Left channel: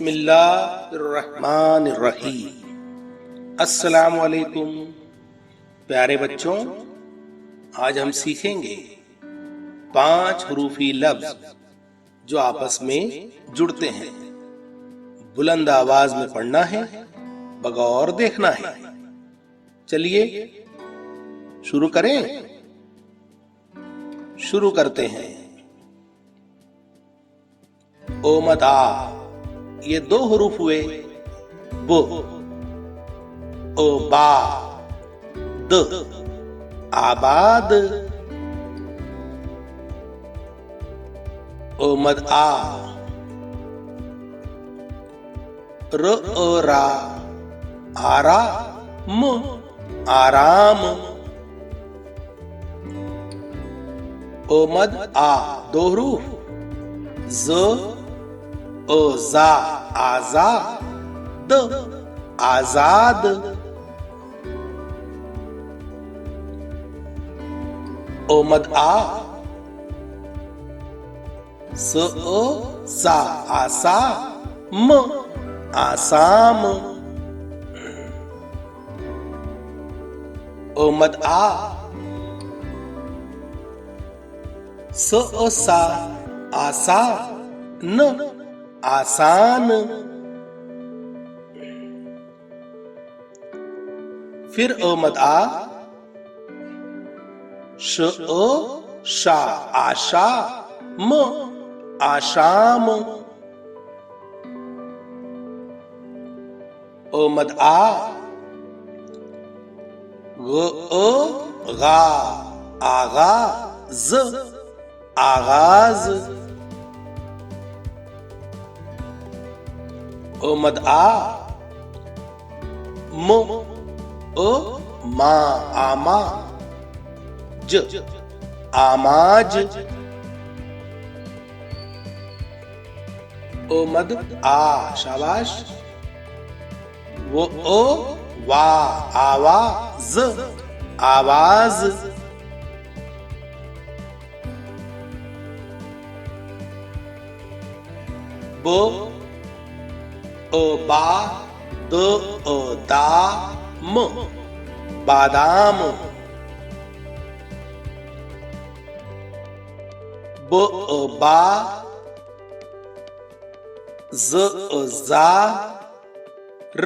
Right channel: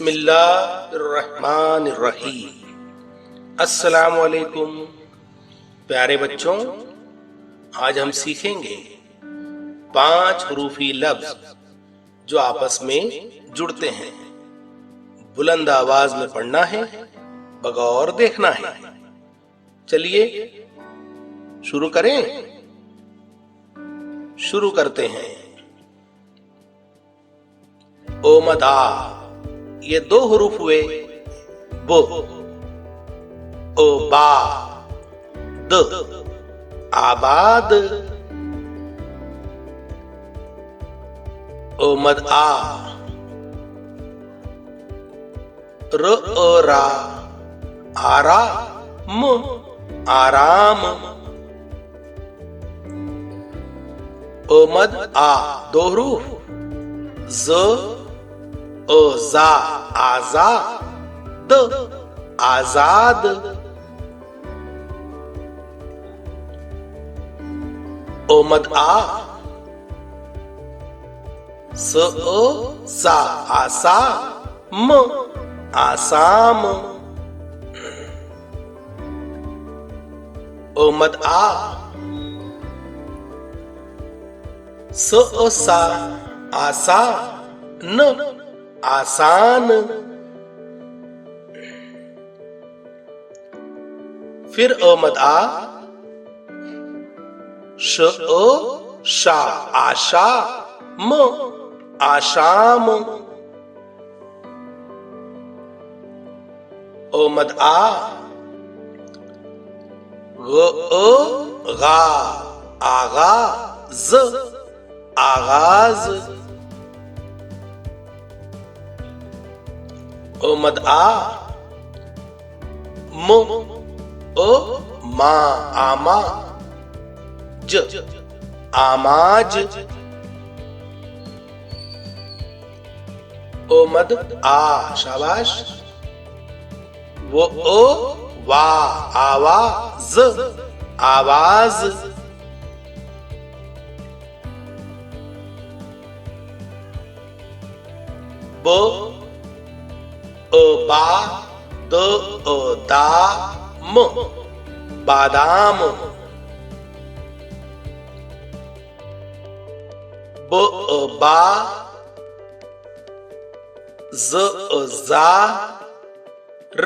बिस्मिल्लाहिर्रहमानिर्रहीम। अस्सलामुअलैकुम प्यारे बच्चों, आज हम सीखेंगे 5 हरूफी लफ्ज जो आपस में जुड़ते हैं। बुलंद आवाज में पढ़ना है, बगौर देखना है। चलिए शुरू करें। शुरू करते हैं। ओमदा, ये 2 हरूफ हुए। बो, ओ बा, द, आबाद। ओ मद आ, र ओ रा, आरा म, आराम। ओ मद आ 2 हरूफ। ज ओ जा, आजा, द, आजाद। ओ मद आ, स ओ सा, आसा, म, आसाम। ओ मद आ, स ओ सा, आसा, न, आसान। फिर ओ मद आ, श ओ शा, आशा, म, आशाम। ओ मद आ, ग ओ गा, आगा, ज, आगाज। ओ मद आ, म ओ मा, आमा, ज, आमाज। ओ मद आ, शाबाश। वो ओ वा, आवा, ज, आवाज। बो ओ बा, द ओ दा, म, बादाम। ब ओ बा, ज ओ जा, र,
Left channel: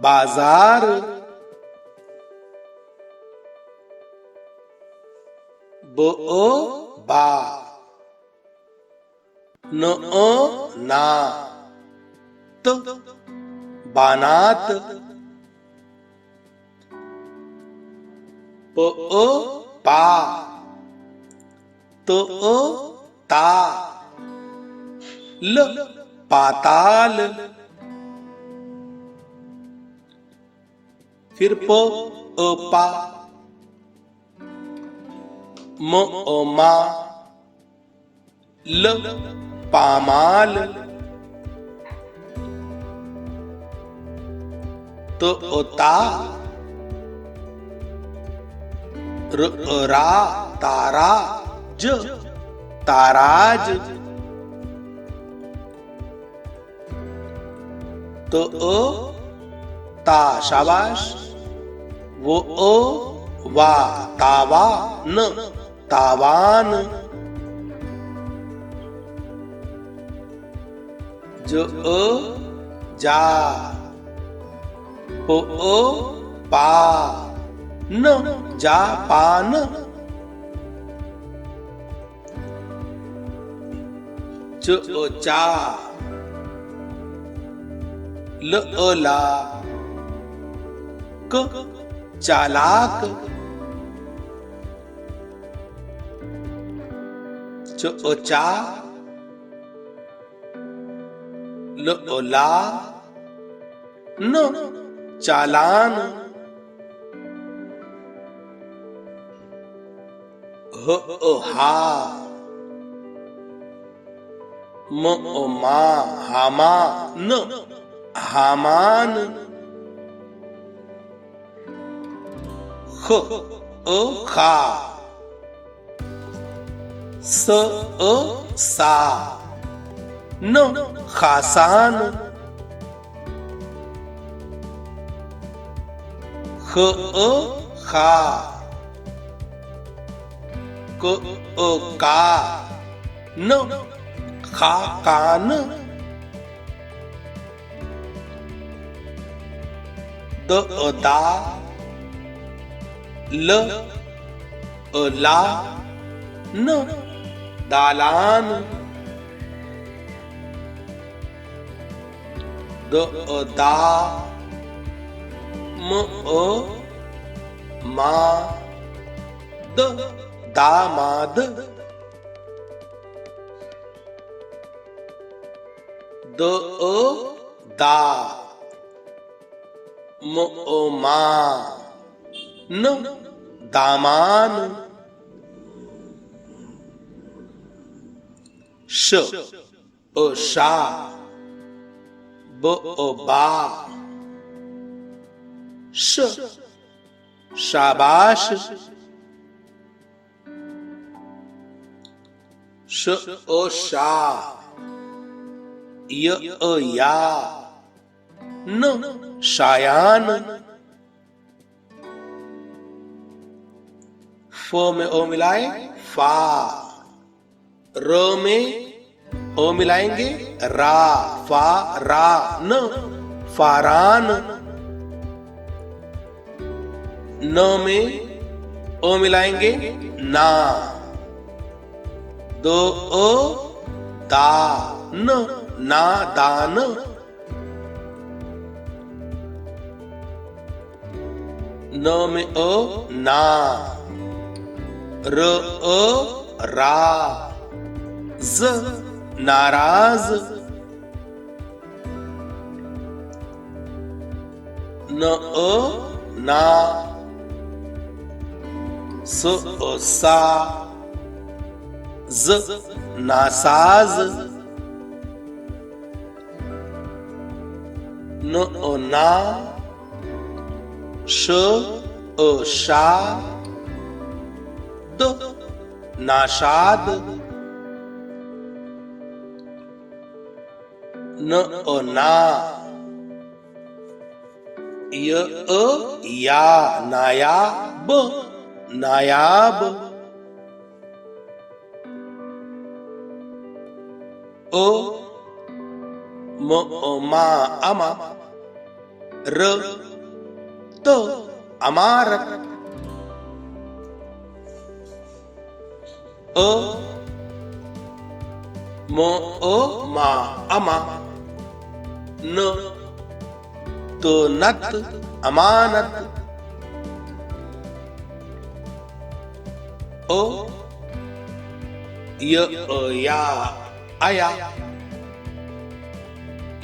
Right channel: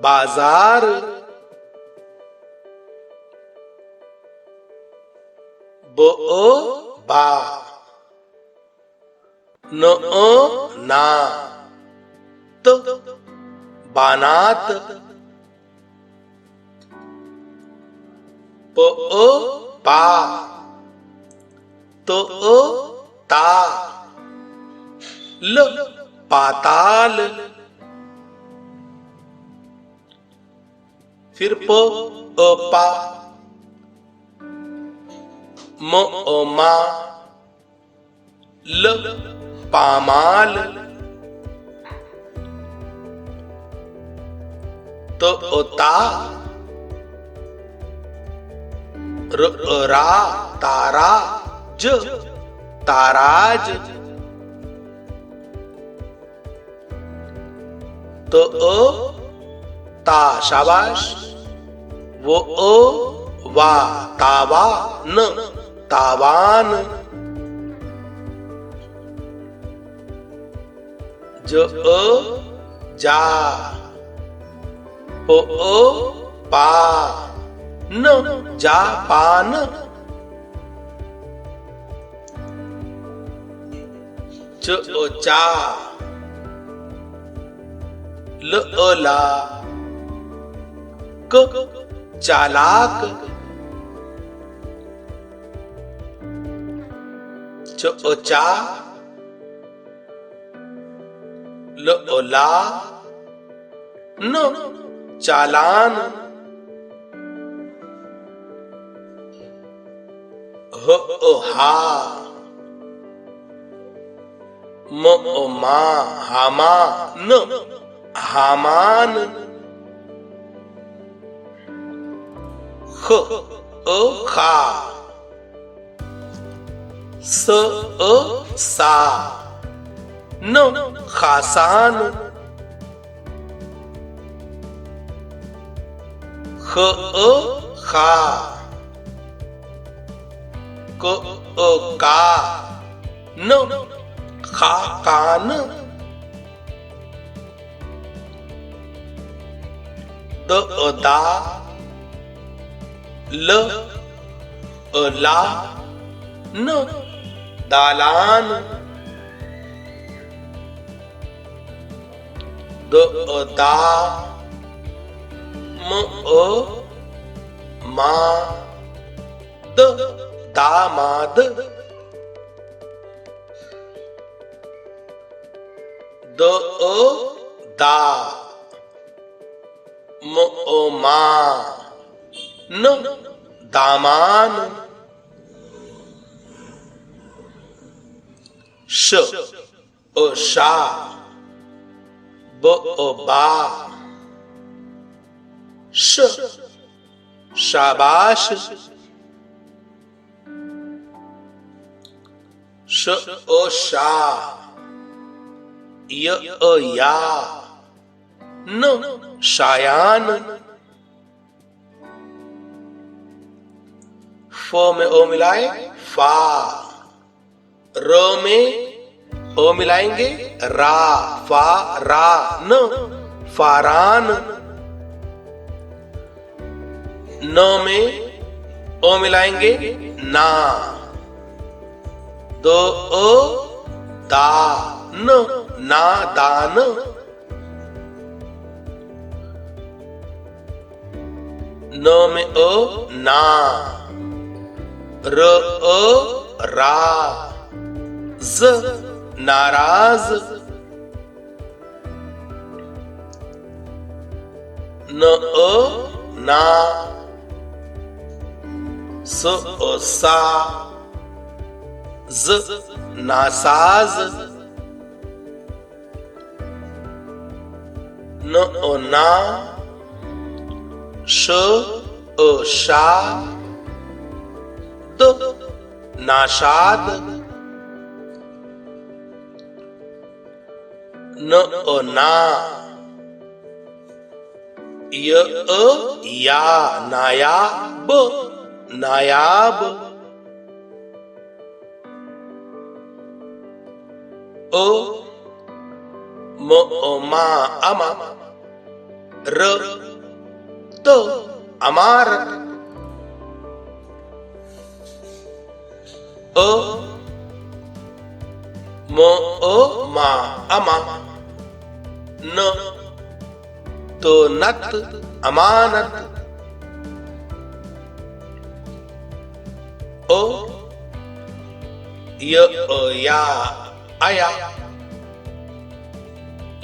बाजार। ब ओ बा, न ओ ना, त, बानात। प ओ पा, त ओ ता, ल, पाताल। फिर प ओ पा, म ओ मा, ल, पामाल। त ओ ता, र ओ रा, तारा, ज, ताराज। तो ओ ता, शाबाश। वो ओ वा, तावा, न, तावान। जो ओ जा, ओ पा, न, जापान। च ओ चा, ल ओ ला, क, चालाक। च ओ चा, ल ओ ला, न, चालान। ह ओ हा, म ओ मा, हामा, न, हामान। ख ओ खा, स ओ सा, न खासान, ख खा, क का, न खा कान, द दा, ल ला, न दालान, द दा, म मा, द दामाद, द दा, म मा, न दामान, श शा, ब बा, श शाबाश, श शा, य या, न शायान, फ में ओ मिलाए फा, र में ओ मिलाएंगे रा, फा रा, न फारान, न में ओ मिलाएंगे ना, दो दा, न नादान, न में ओ ना, र रा, ज नाराज, न ना, स सा, ज नासाज, न ना, श शा, द नाशाद, न ना, य या नायाब, नायाब, ओ मा अमा, र तो अमारत, ओ मा अमा, न तो नत अमानत, ओ या आया,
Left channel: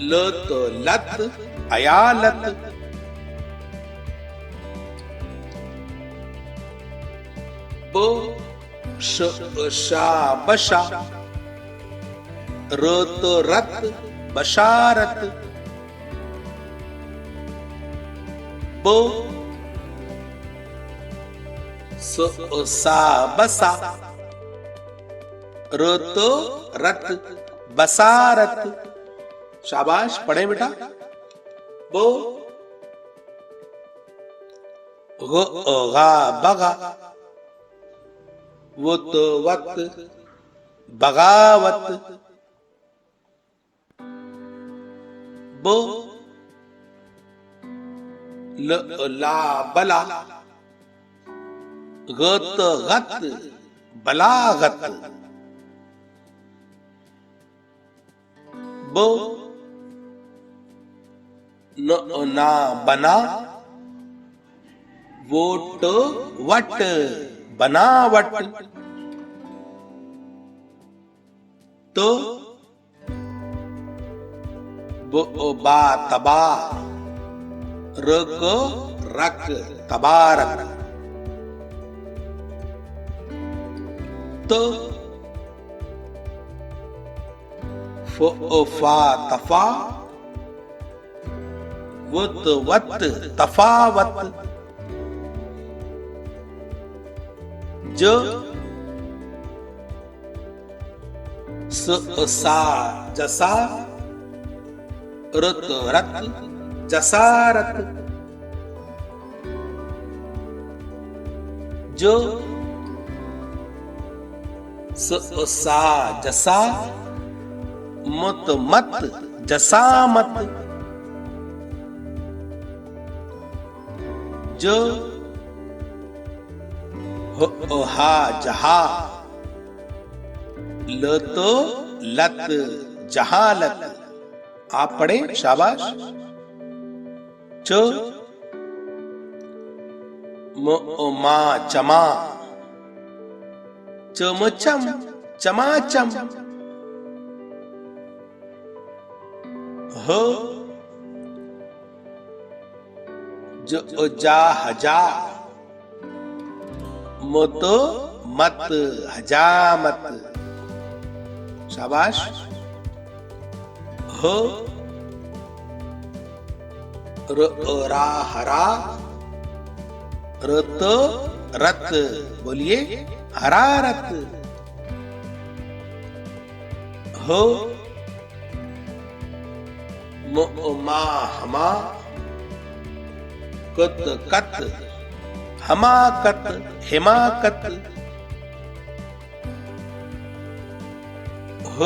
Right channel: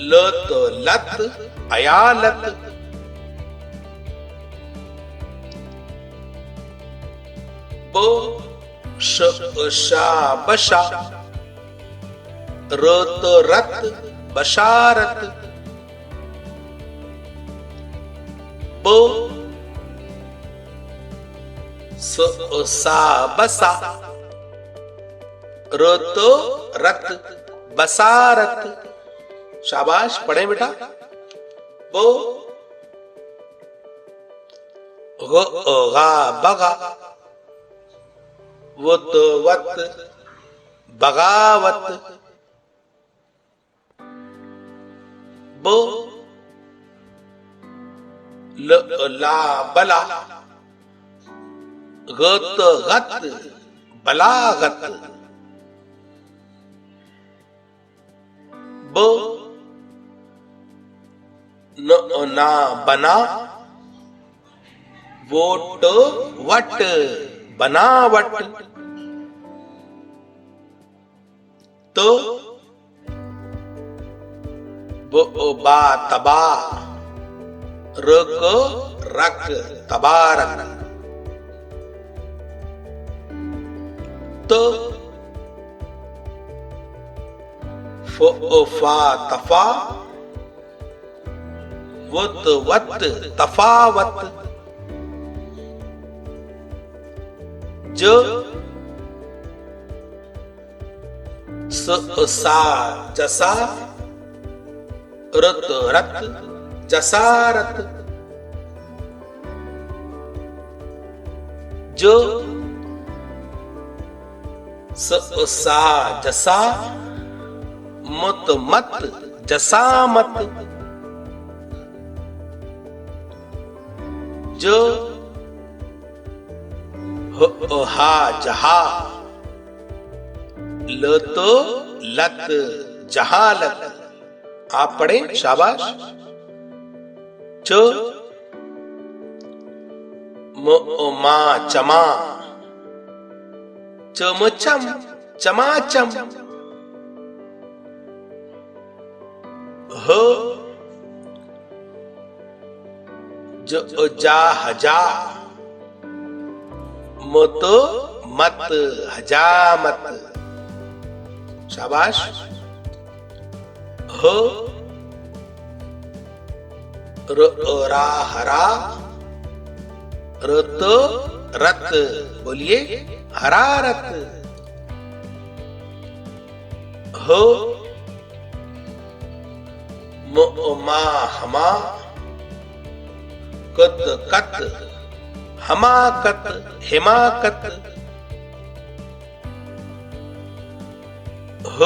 ल तो लत अयालत, ब शा बशा, र तो रत बशारत, ब सा बसा, र तो रत बसारत, शाबाश पढ़े बेटा, बो गा बगा, वो तो वत बगावत, बो ला बला, गत गत बलागत, ब ना बना, वोट वट बनावट, तो बा तबा, रक रक तबारक, तो फा तफा, वत वत तफावत, ज सा जसा, रत रत जसा रत, ज सा जसा, मत मत जसा मत, ज हा जहा, लत लत जहालत। आप पढ़े, शाबाश। च मा चमा, चमचम चमाचम। ह जा हजा, मत मत हजामत। शाबाश। ह रा हरा, रत रत, बोलिए हरारत। ह मा हमा, कत कत हमाकत हिमाकत। ह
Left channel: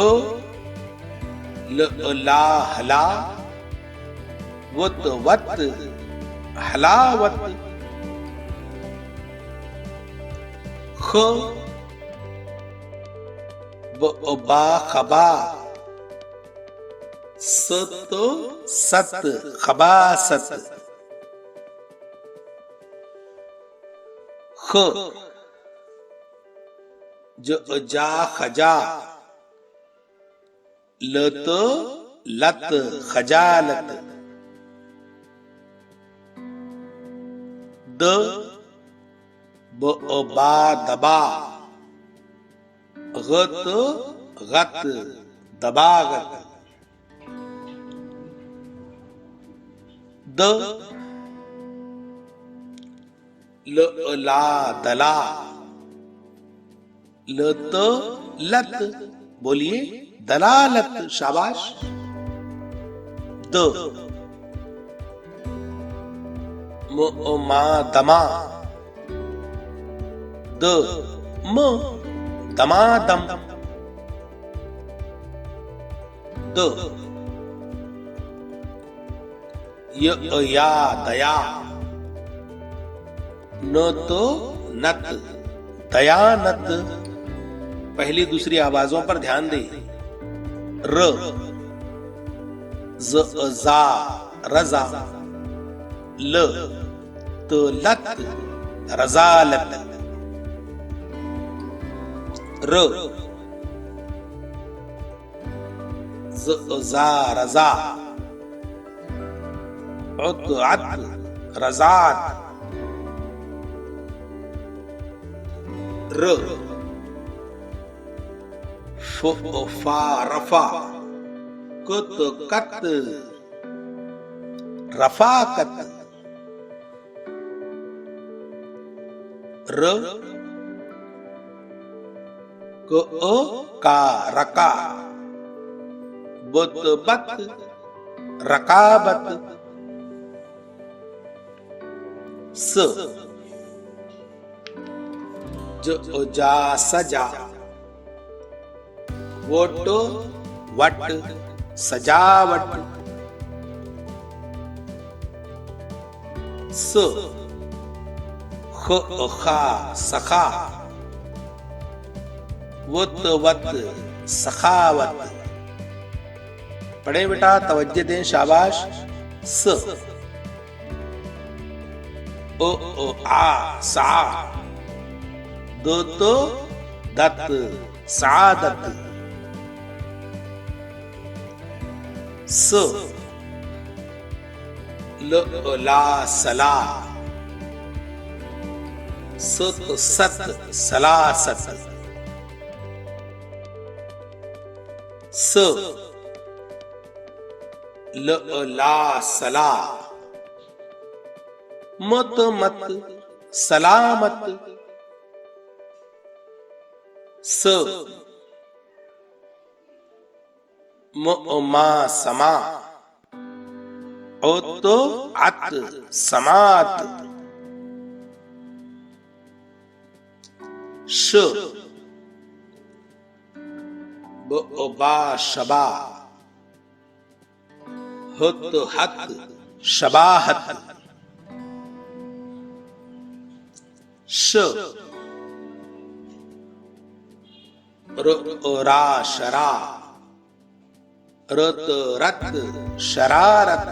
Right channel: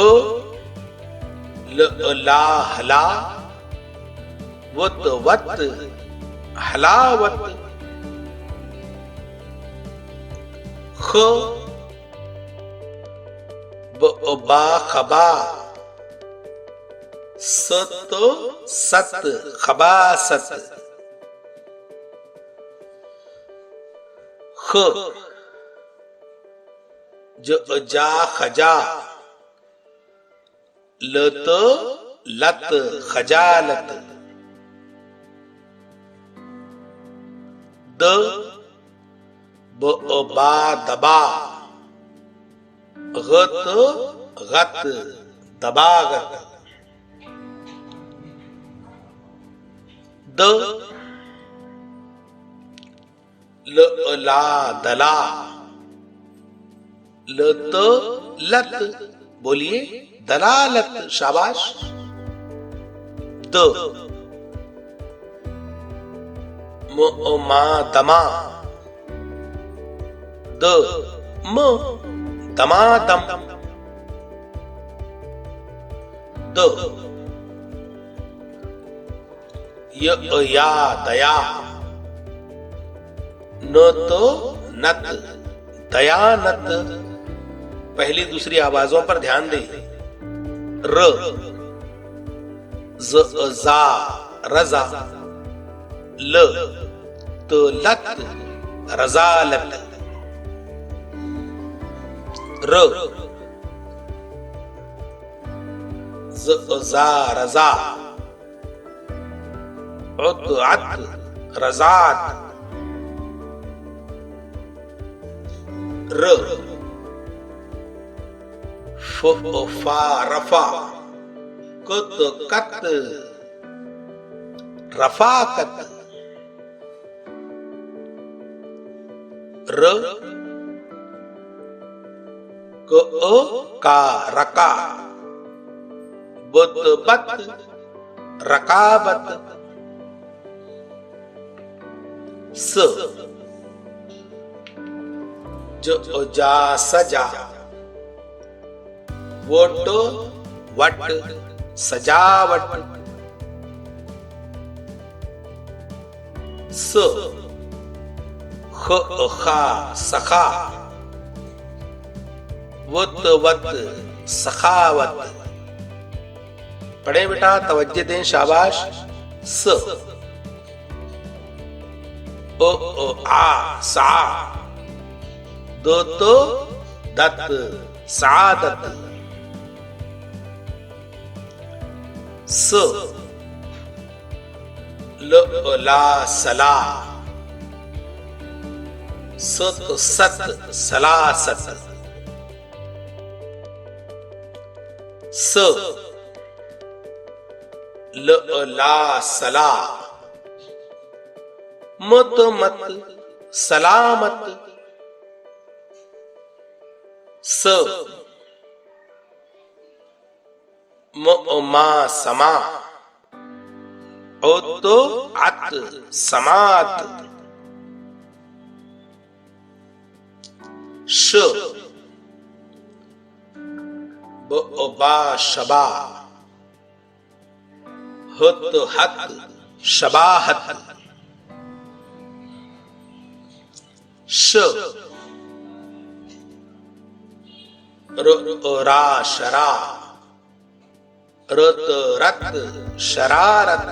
ला हला, वत वत हलावत। ख बा खबा, सत सत खबासत। ख जा खजा, लत लत खजालत। द बा दबा, गत गत दबागत। द ला दला, लत लत, बोलिए दलालत। शाबाश। द मा दमा, द म दमादम। द या दया, न तो नत दयानत। पहली दूसरी आवाजों पर ध्यान दें। र जा रजा, ल तो लत रजालत। र जा रजा, उत अत रजात। र फा रफा, कत कत रफाकत। र का रका, बत बत रकाबत। स जा सजा, वट वट सजावट। स खा सखा, वत वत सखावत। पढ़े बेटा, तवज्जो दें, शाबाश। स आ सा, दो तो दत सादत। स ला सला, सत सत सलासत। स ला सला, मत मत सलामत। स मा समा उत अत समात श बा शबा हुत हत शबाहत श रा शरा रत रत शरारत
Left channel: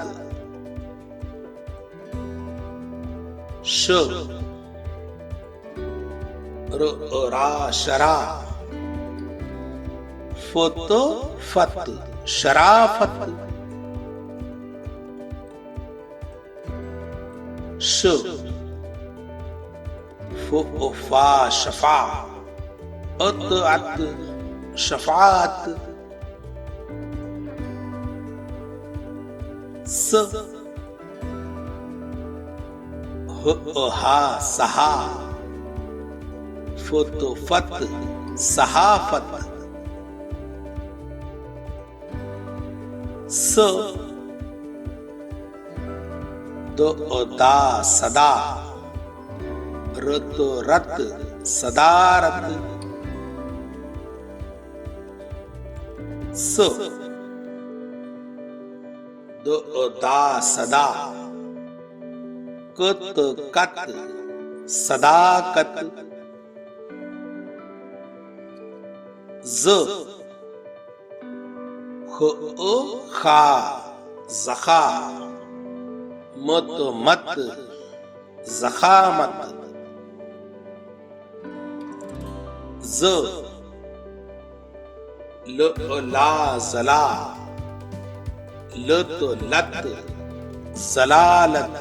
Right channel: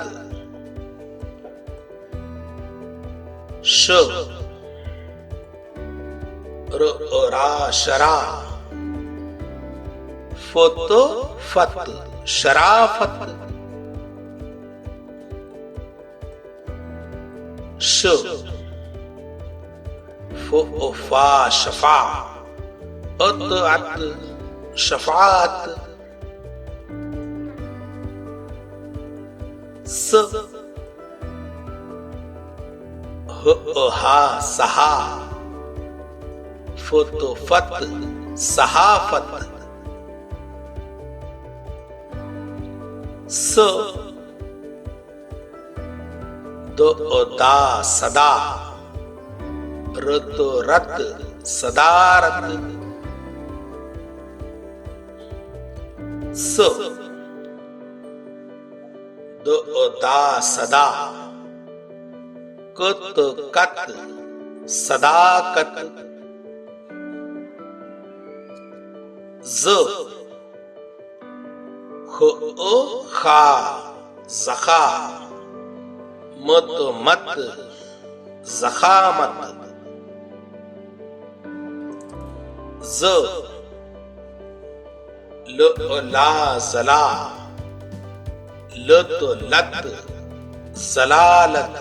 श रा शरा फत फत शराफत श फा शफा अत अत शफात स हा सहा फत फत सहाफत स दा सदा रत रत सदारत स दा सदा कत कत सदाकत ज खा जखा मत मत जखामत ज ला जला लत लत जलालत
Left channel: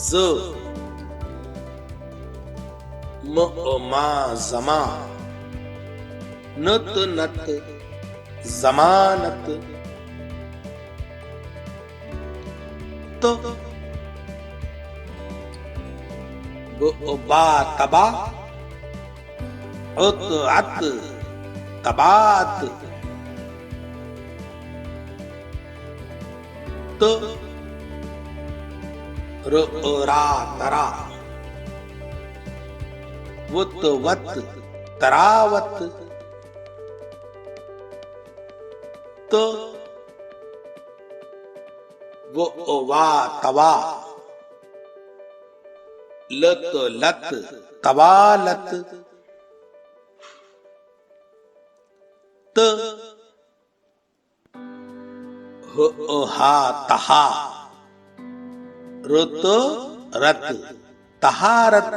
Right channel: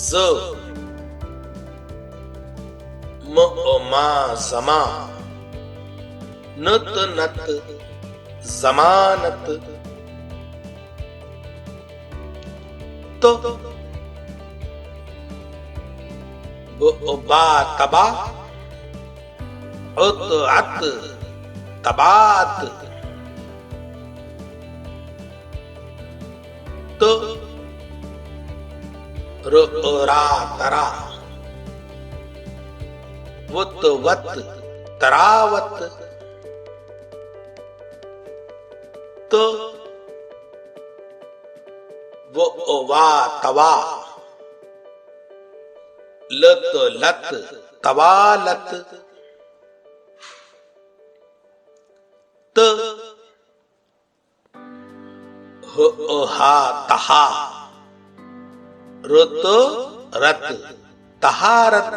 ज मा जमा नत नत जमानत तो बा तबा उत अत तबात तो रा तरा वत वत तरावत तो वा तवा लत लत तवालत त हा तहा रत रत तहारत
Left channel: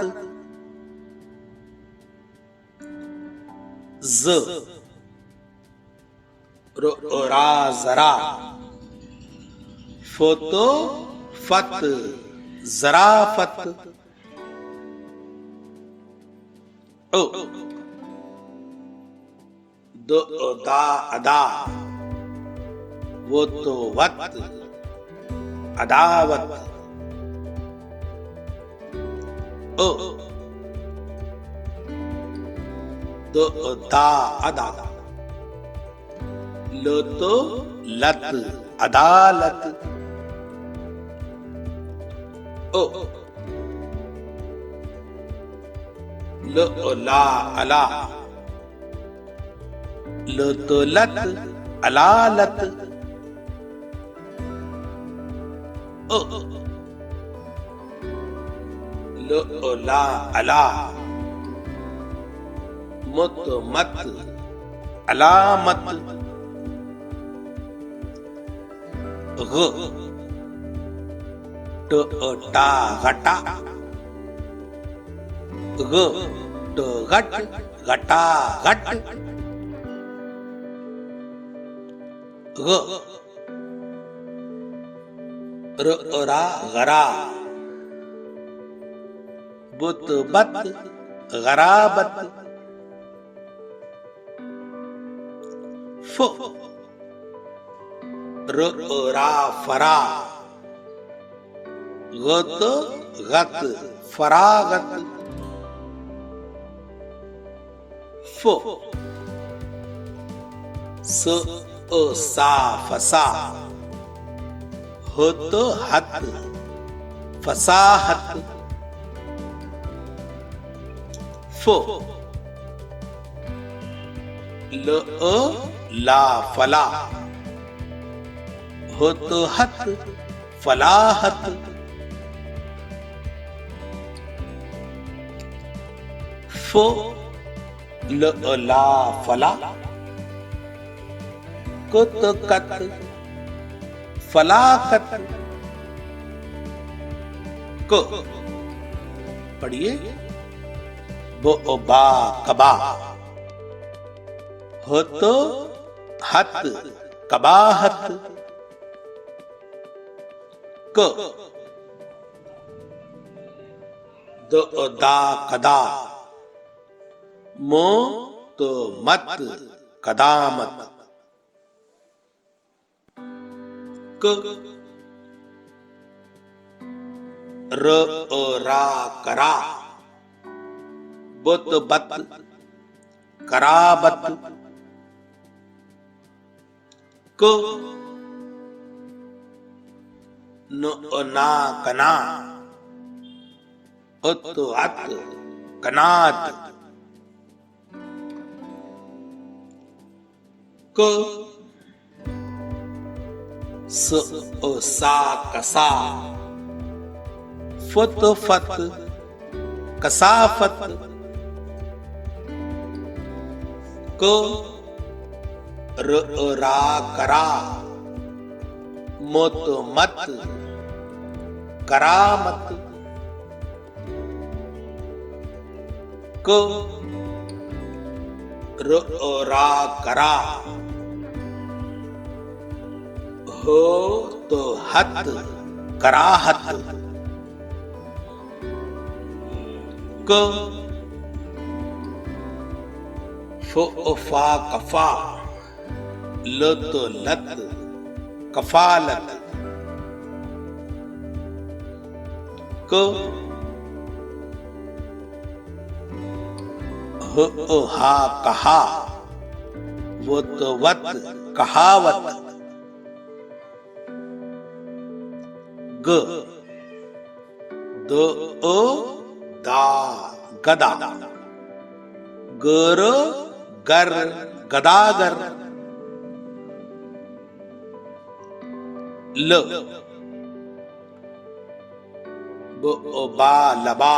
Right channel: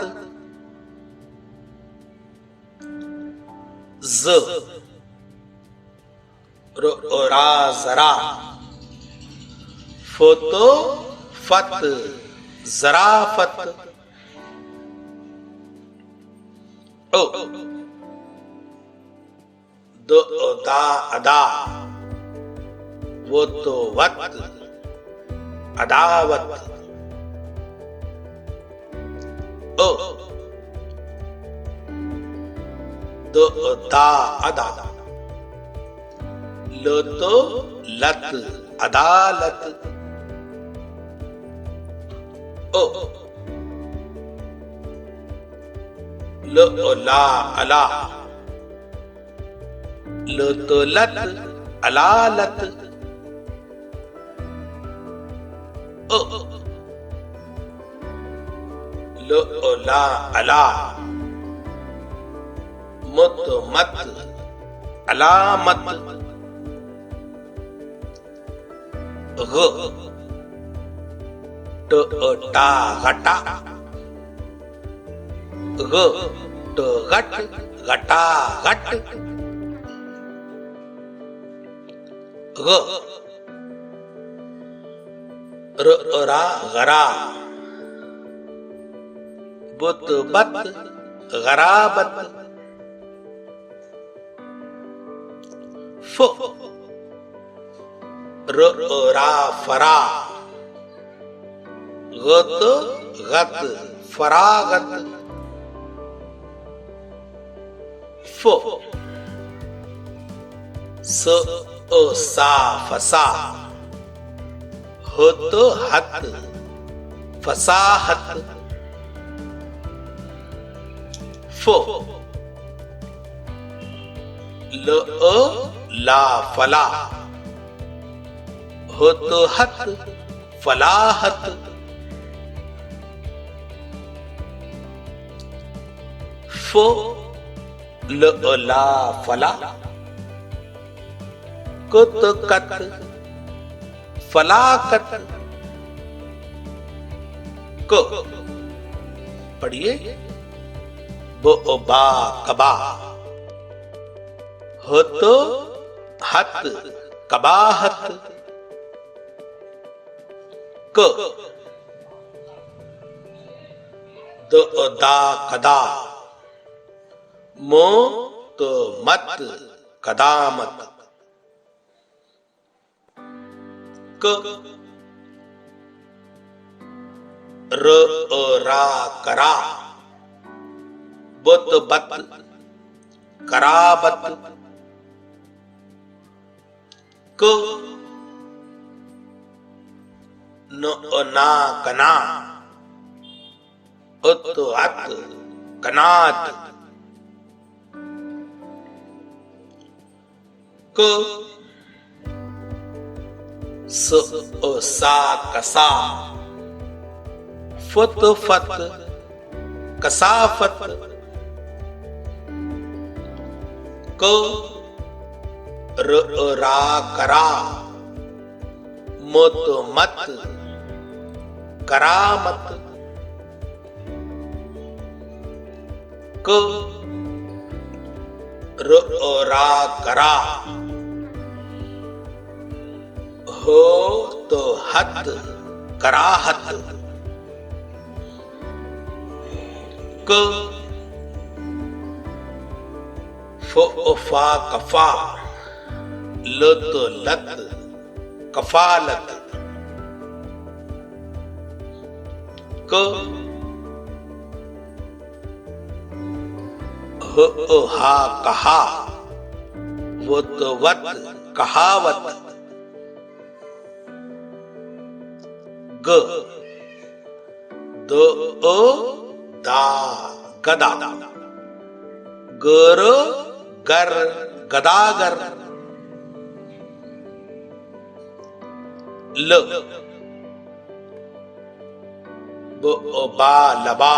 ज रा जरा फत फत जराफत ओ दा अदा वो तो वत अदावत ओ दा अदा लत लत अदालत ओ ला अला लत लत अलालत ओ ला अला मत मत अलामत ग टा घटा ग घट घटा घट ग रा गरा बुत बत गराबत फ रा फरा गत गत फरागत फ स सा फसा हत हत फसाहत फ ल ला फला हत हत फलाहत फ ल ला फला कत कत फलाकत क पढ़िए ब बा कबा हत हत कबाहत क द दा कदा म त मत कदामत क र रा करा बत बत कराबत क न ना कना अत अत कनात क स सा कसा फत फत कसाफत क र रा करा मत मत करामत क र रा करा हो तो हत कराहत क फा कफा लत लत कफालत क हा कहा वत वत कहावत ग द दा गदा गर गर गदागर ल बा लबा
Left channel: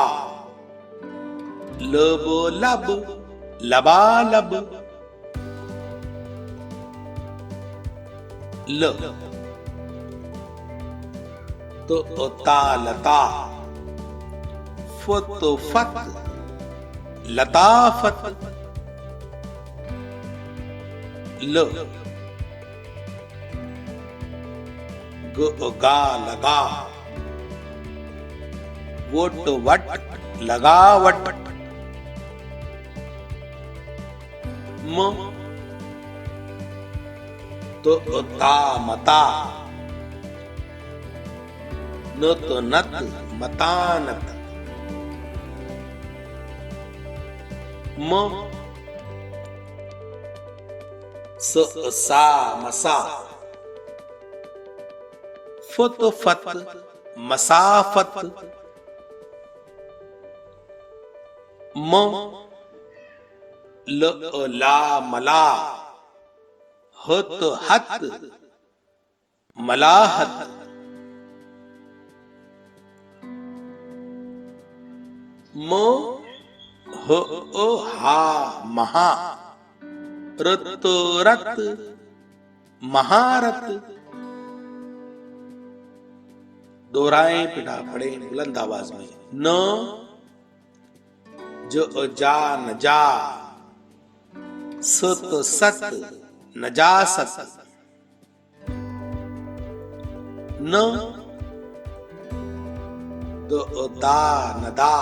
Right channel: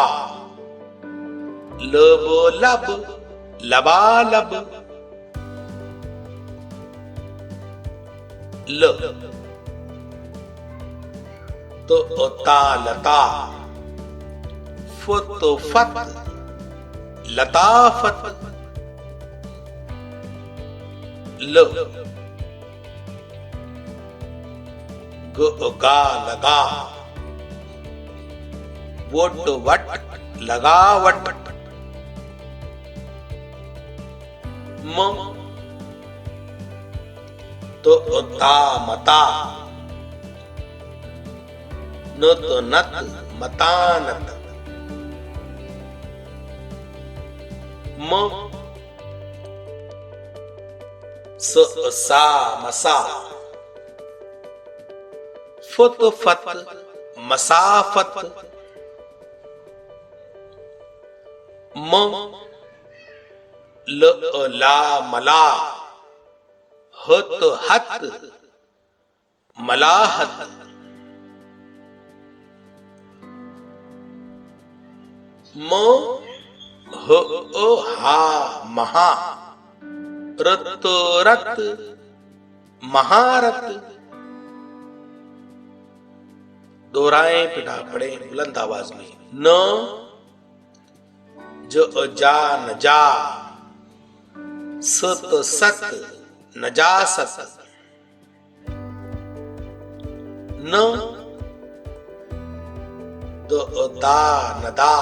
लब लब लबालब ल तो ता लता फत फत लताफत ल गा लगा वट वट लगावट म तो ता मता न तो नत मतानत म स सा मसा फत फत मसाफत म ल ला मला हत हत मलाहत म ह हा महा रत रत महारत दोहराए पिता पढ़े बुलंद आवाज में न ज जा न जा सत सत नजासत न द दा नदा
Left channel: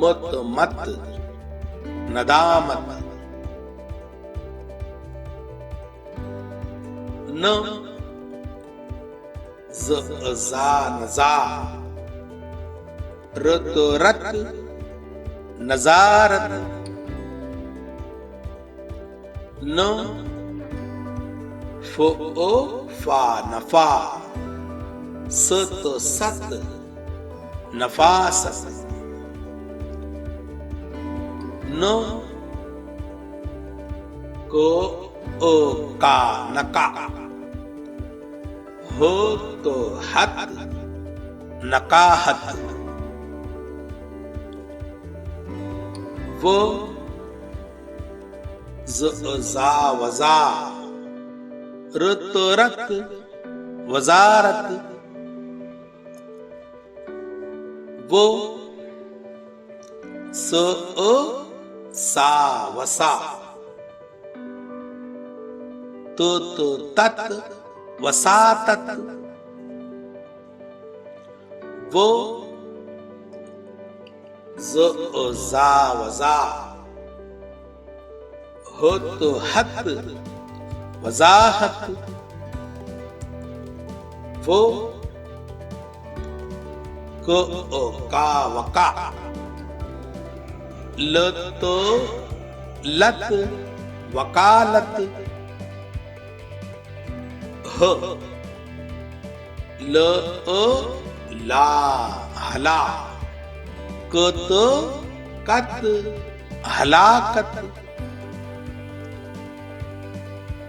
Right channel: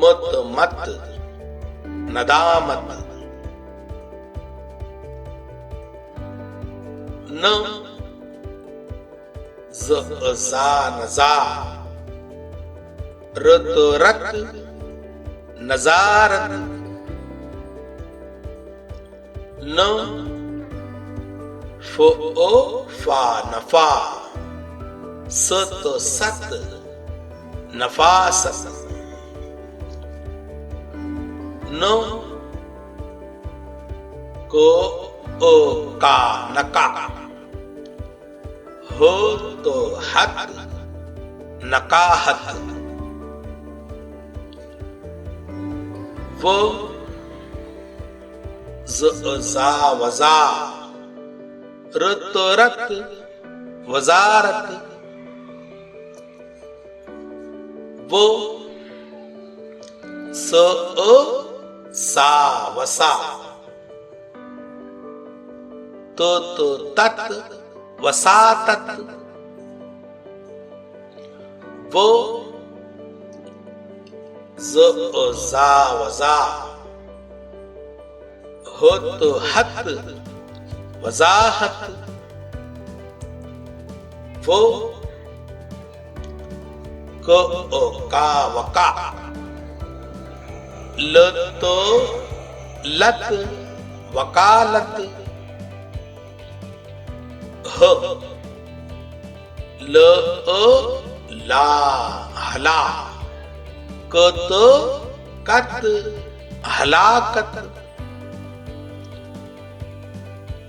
मत मत नदामत न ज जा नजा रत रत नजारत न फो ओ फा नफा, स तो सत नफासत, न को ओ का नका, हो तो हत नकाहत, वो जा वजा, रत रत वजारत, वो स सा वसा, तो तत वसातत, वो जा वजा, हो तो हत वजाहत, वो को का वका, ल तो लत वकालत, ह ल ला हला, क तो कत हलाकत,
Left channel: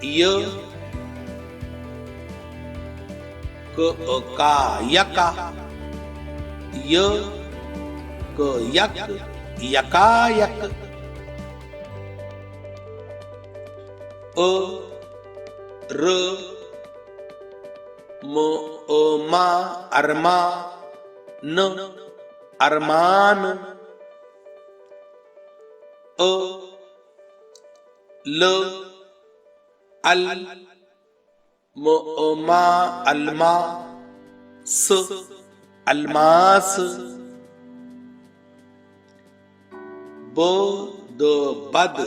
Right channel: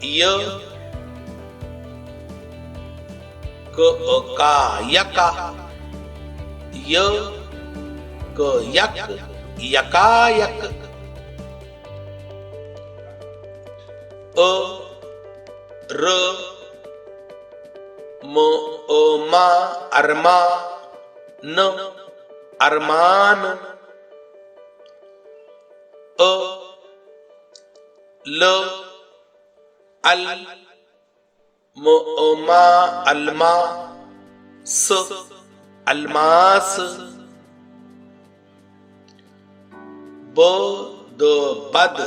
य का यका, य क यक यकायक, अ र मो ओ मा अरमा, न अरमान, अ ल अल मो ओ मा अलमा, स अलमास, बो दो बद,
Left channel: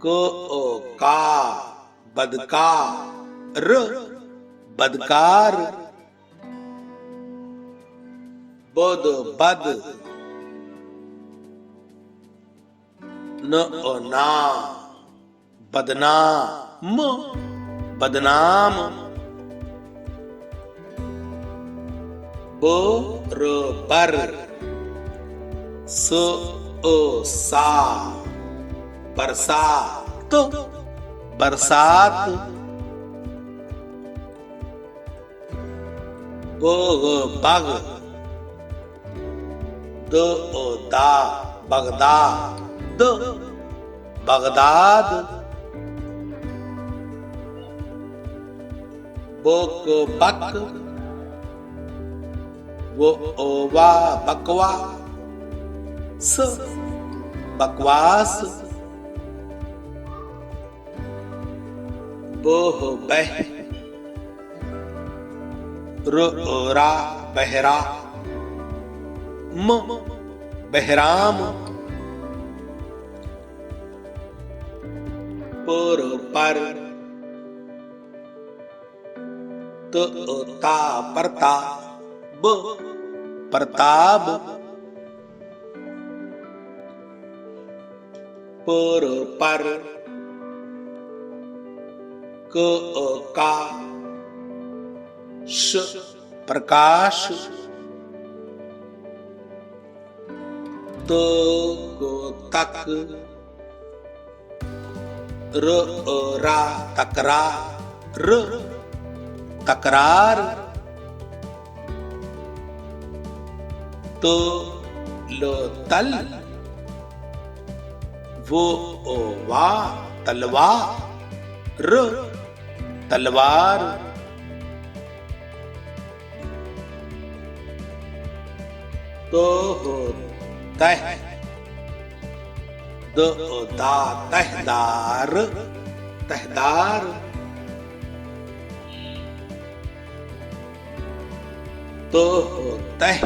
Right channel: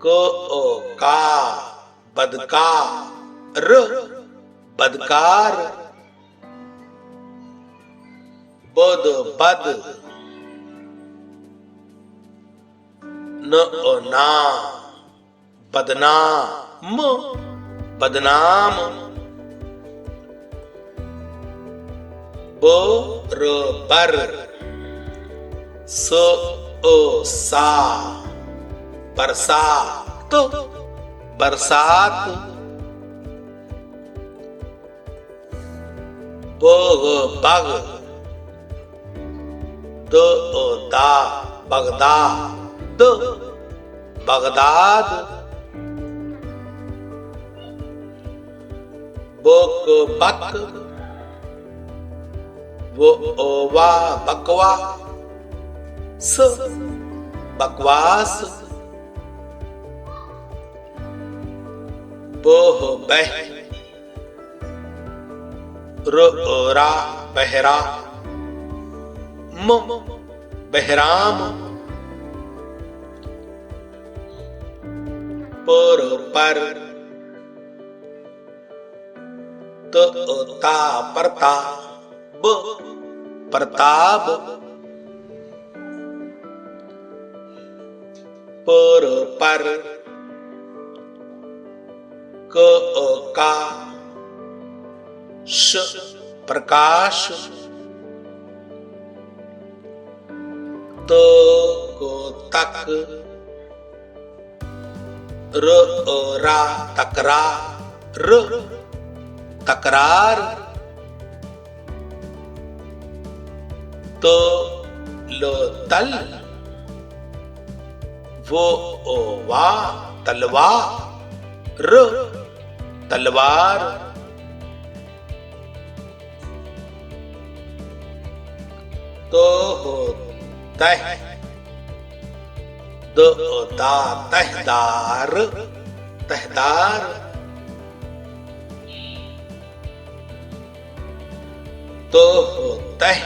को ओ का बदका, र बदकार, बोध बद, न ओ ना बदनाम बदनाम, बो र बर, सो ओ सा बरसात बरसात, बोग बग, दो ओ दा बगदाद बगदाद, बोक बक, वो ओवा बकवा, स बकवास, बोह बह, रा बहरा, म बहराम, पर पर, तो ता परता, ब प्रताप, पर पर, क का श प्रकाश, तो को तक, र रा तकरा, र तकरार, तो लो तल, वो ओ वा तलवा, र तलवार, तो हो तह, दो दा तहदार तहदार, तो हो तह,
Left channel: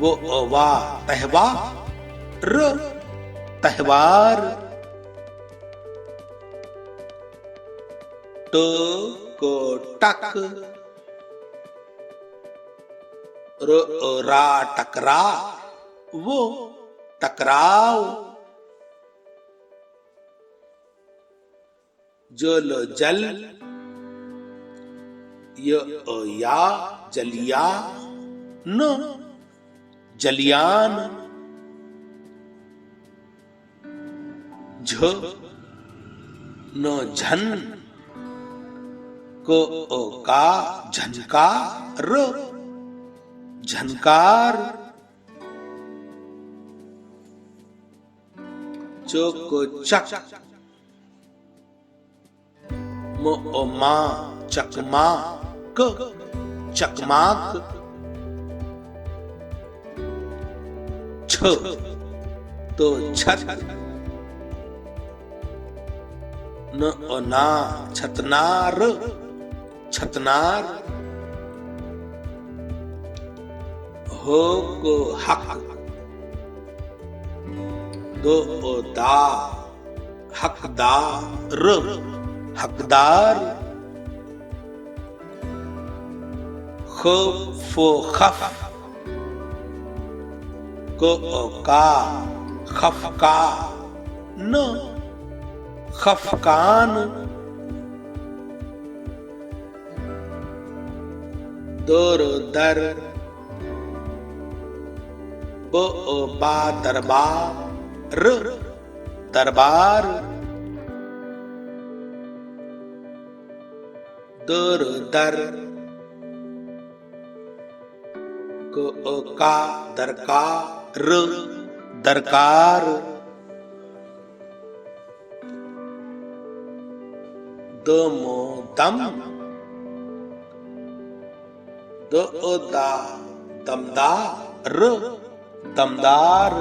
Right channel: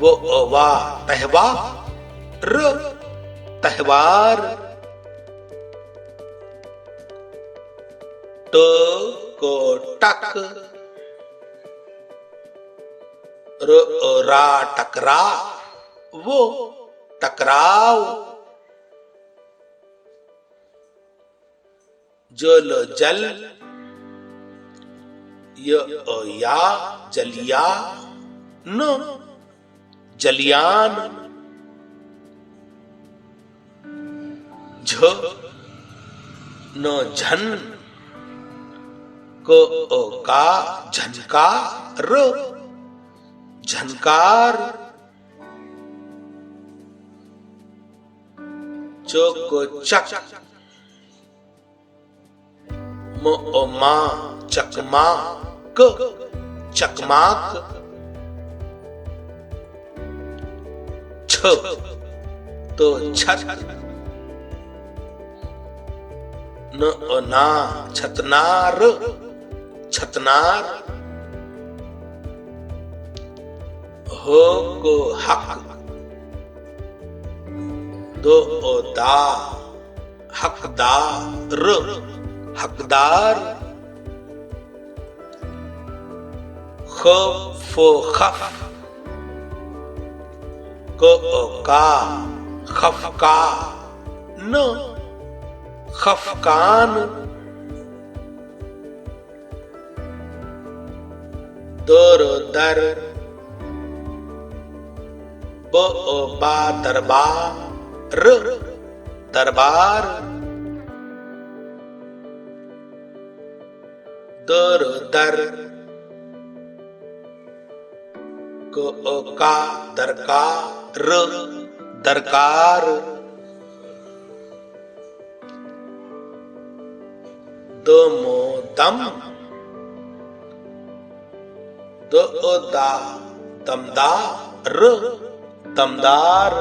वो वा तहवा, र तहवार, तो को टक, रा टकरा, वो टकराव, जल जल या जलिया न जलियान झ न झन का झनकार झनकार चक मा चकमाक चकमाक छ तो छत न ना छतनार छतनार हो को हक दो दा हकदार हकदार खो खफ को का खफका न खफकान दर दर बा दरबार दरबार दर दर को का दरकार दरकार दमो दम दा दमदार दमदार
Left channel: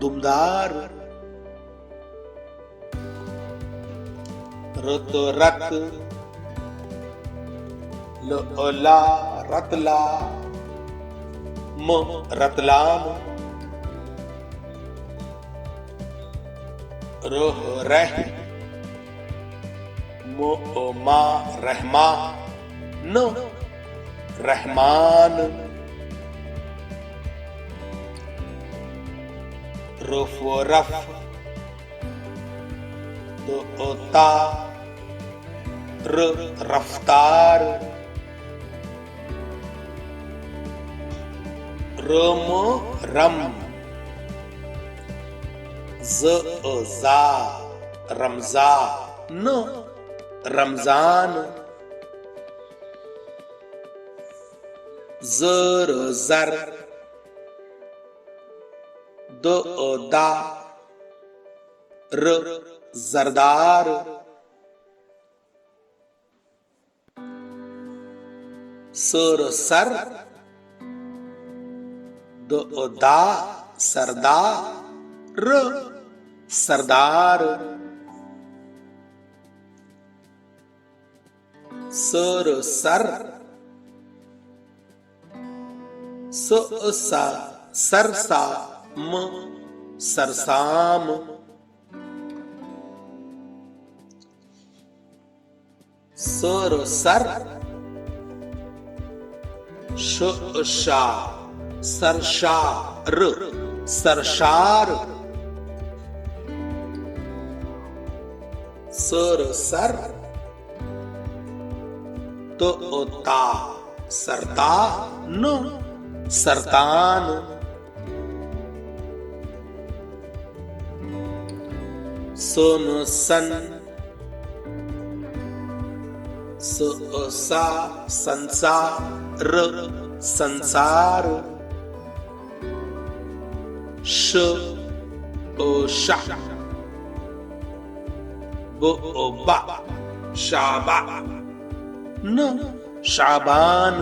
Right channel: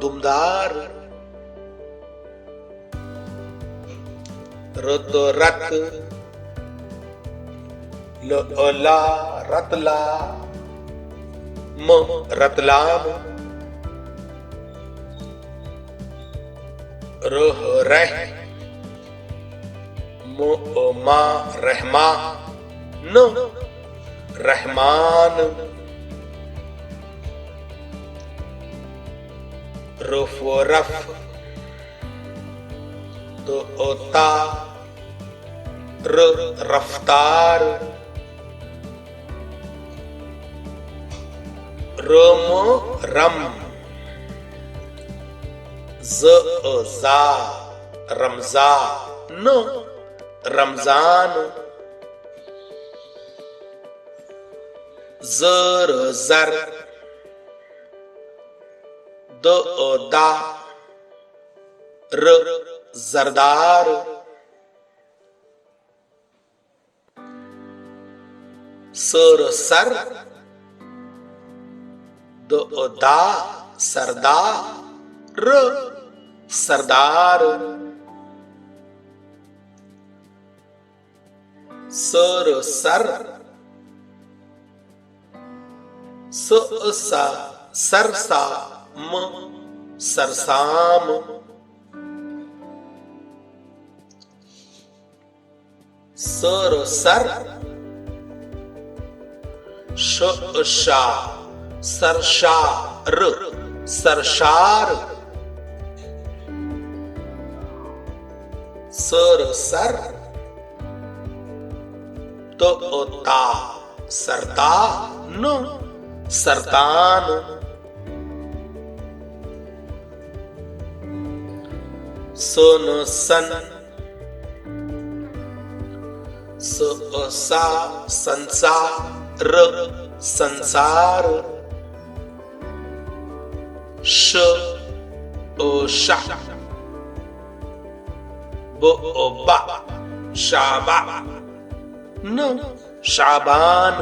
दुमदार रुत रत ला रतला म रतलाम रोह रह मा रहमा न रहमान रुफ रफ तो ओता रफ्तार रोमो रम जा रमजा न रमजान जर जर दो दा जरदार सर सर दो दा सरदार सरदार सर सर सा सरसा म सरसाम सर सर शा सरशार सरशार सर सर तो ता सरता न सरतान सोन सन सा संसार संसार श ओ शा बो बा शाबा न शाबान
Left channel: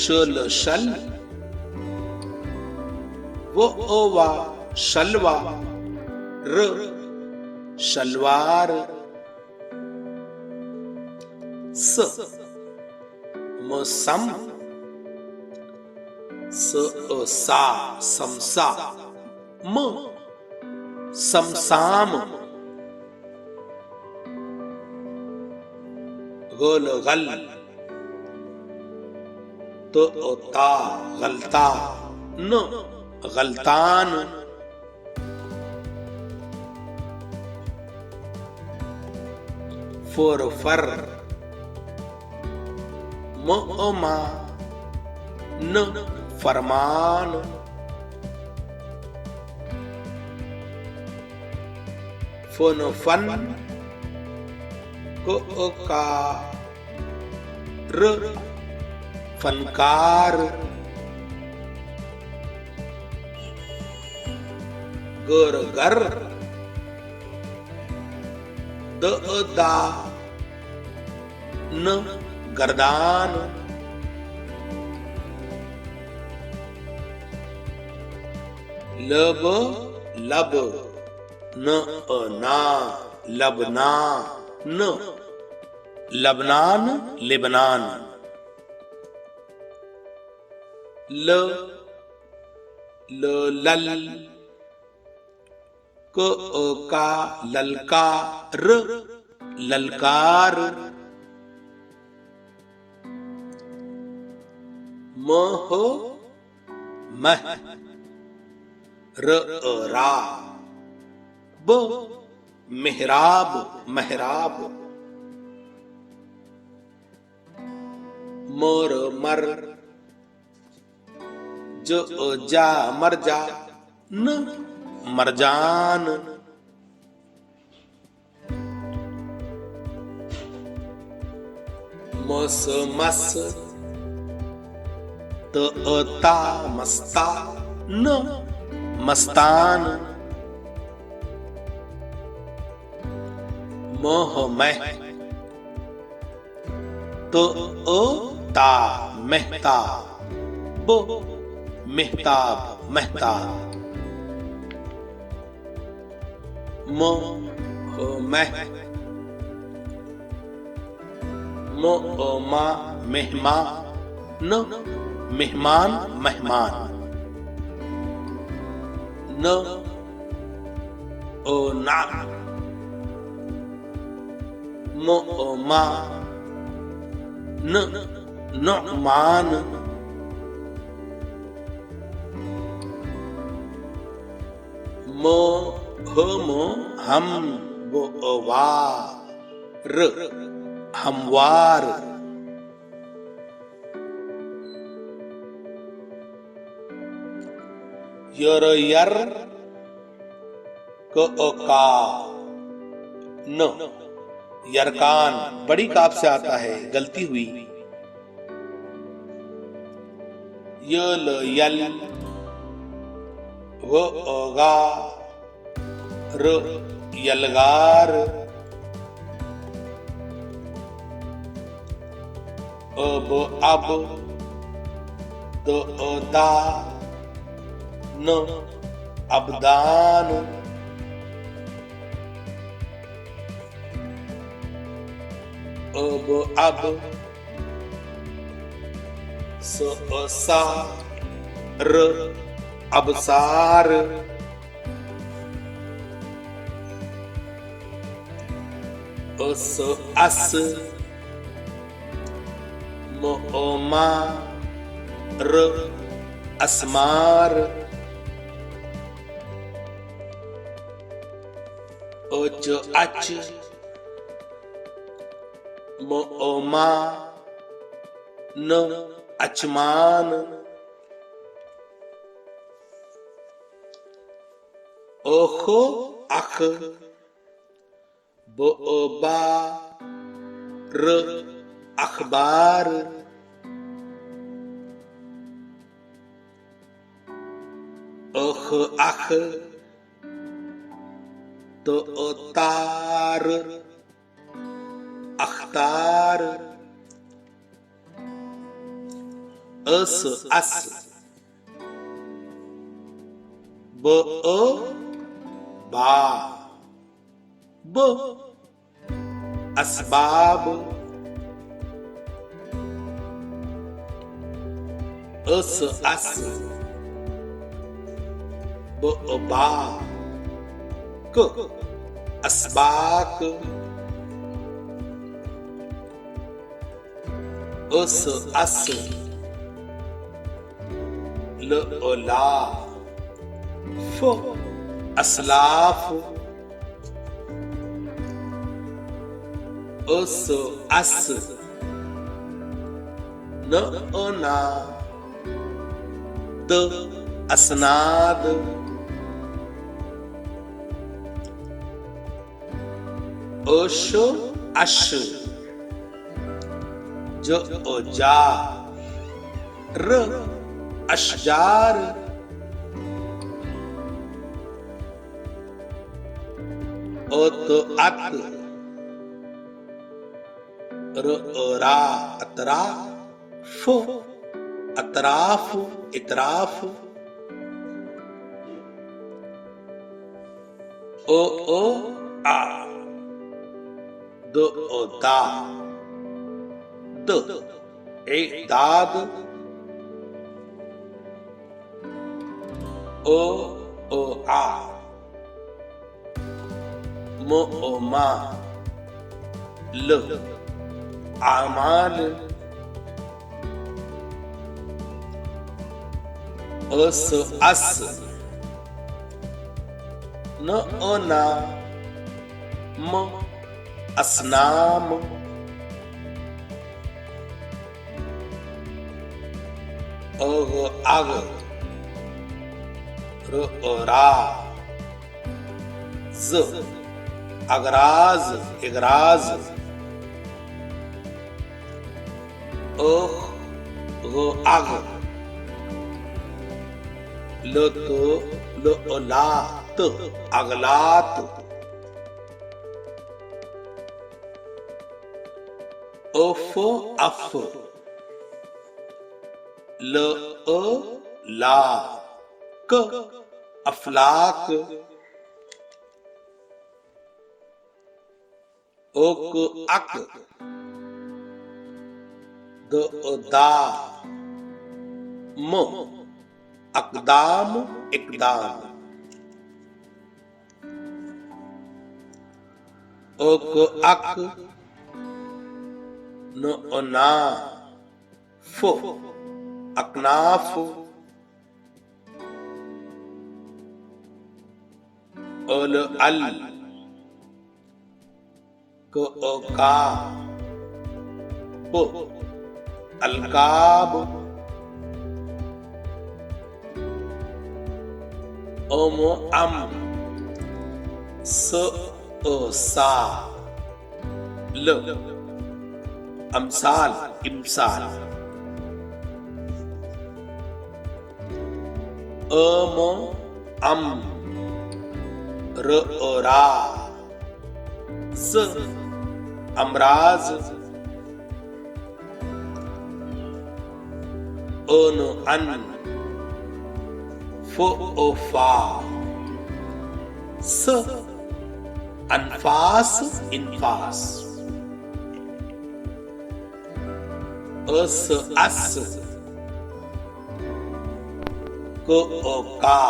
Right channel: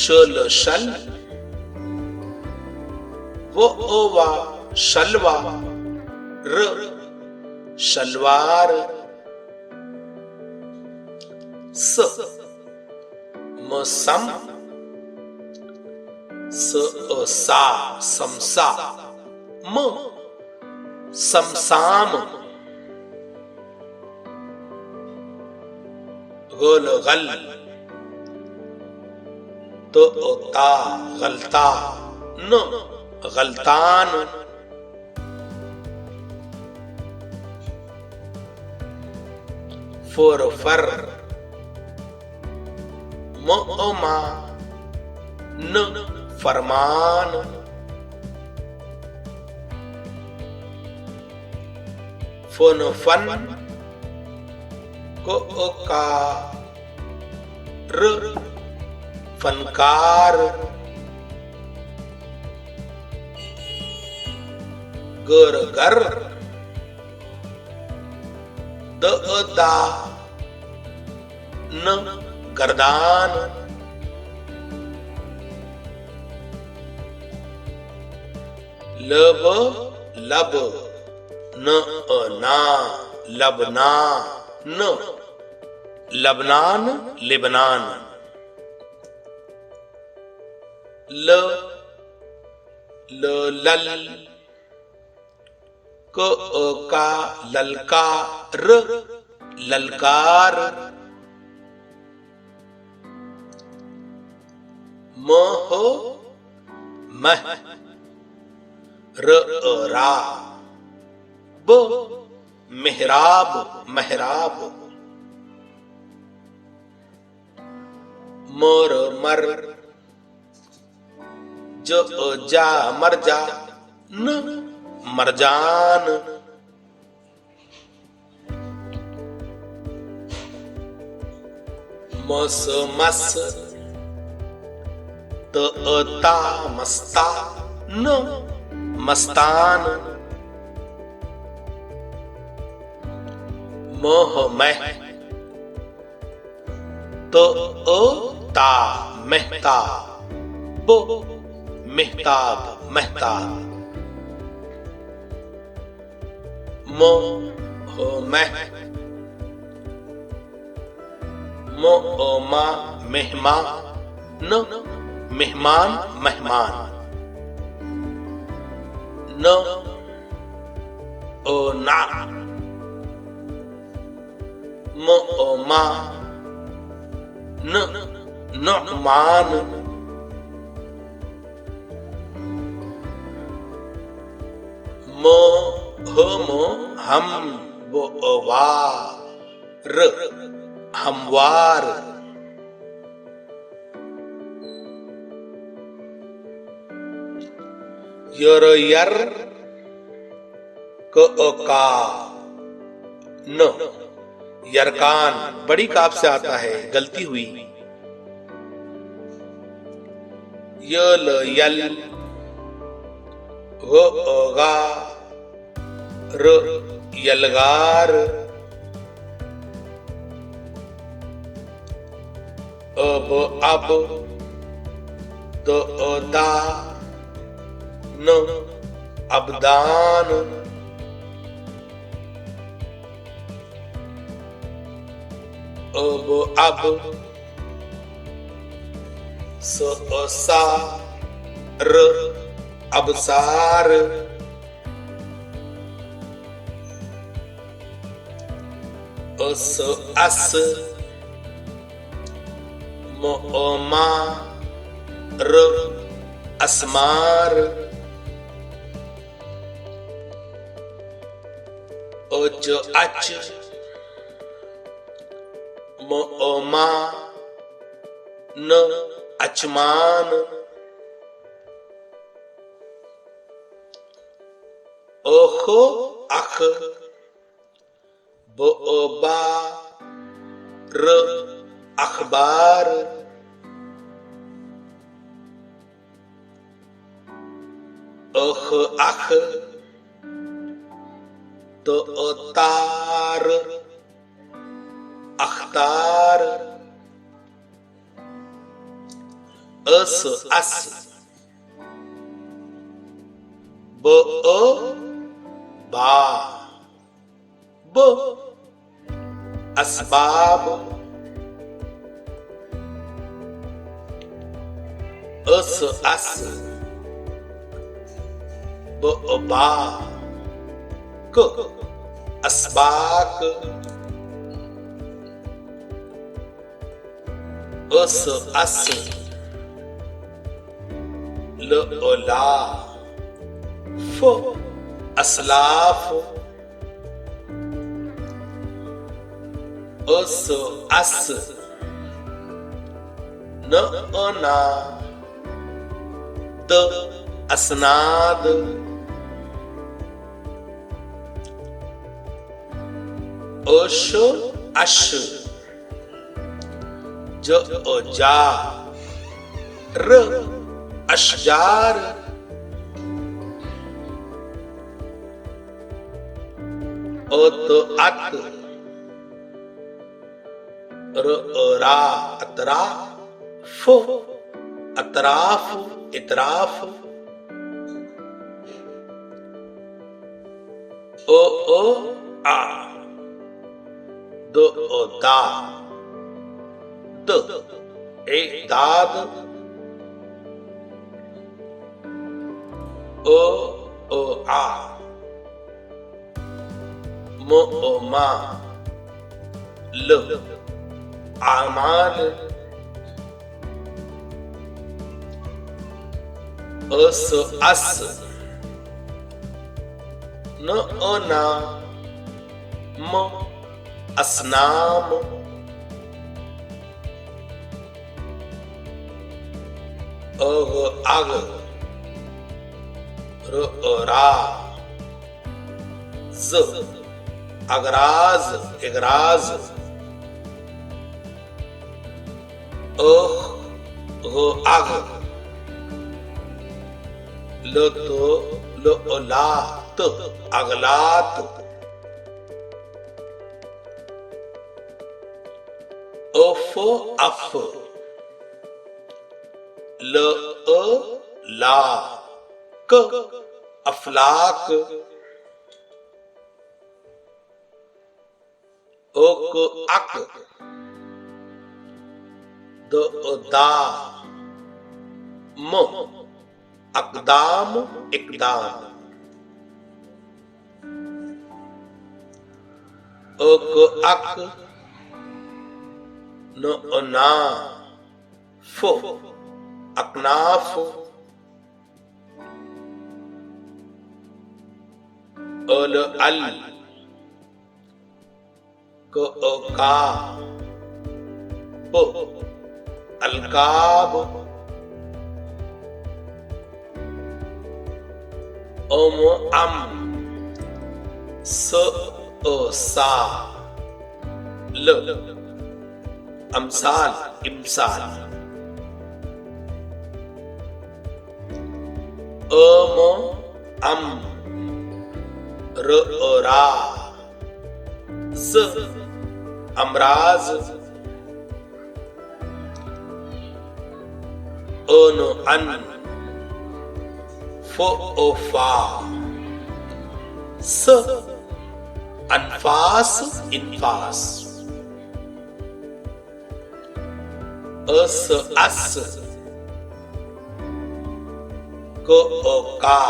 शल शल वो वा शलवा र शलवार स मसम सा समसा म समसाम गोल गल तो ता गलता न गलतान फर फर म मा न फरमान फन फन को का र फनकार गर गर द दा न गर्दान लब लब न ना लबना न लबनान लिबनान ल लल क का ललकार ललकार मह मह र रा ब मेहराब मेहराब मर मर ज जा मर जा न मरजान मस मस त ता मस्ता न मस्तान मोह मह तो ता मेहता बो मेहताब मेहताब मोह मह मो मा मेहमा न मेहमान मेहमान न ओ ना मो मा न नुमान मो मो हम वो वा र हमवार यर यर का न यरकान बड़ी काफ से आता है, गलती हुई। यल यल गा र यलगार अब अब दा न अबदान अब अब सा र अबसार अस मा र असमार अच मा न अचमान ओखो अख बा र अखबार अख अख तो तार अख्तार अस अस ब बा ब असबाब अस अस ब बा क असबाक अस अस ल ला फ असलाफ अस अस न ना द असनाद अश अश ज जा र अशजार अत अत र रा अतरा फ अतराफ इतराफ ओ आ द दा द ए दाद ओ आ म ओ मा ल आमाल अस अस न ना म असनाम अग आग र रा ज अगराज इगराज आग ल तो ल लात अगलात अफ अफ ल ला क अफलाक ओक अक द दा म अकदाम इकदाम अक अक न ना फ अकनाफ अल अल का ब अलकाब अम स सा ल अमसाल इमसाल अम र रा ज अमराज अन फा स अनफास इनफास अस अस का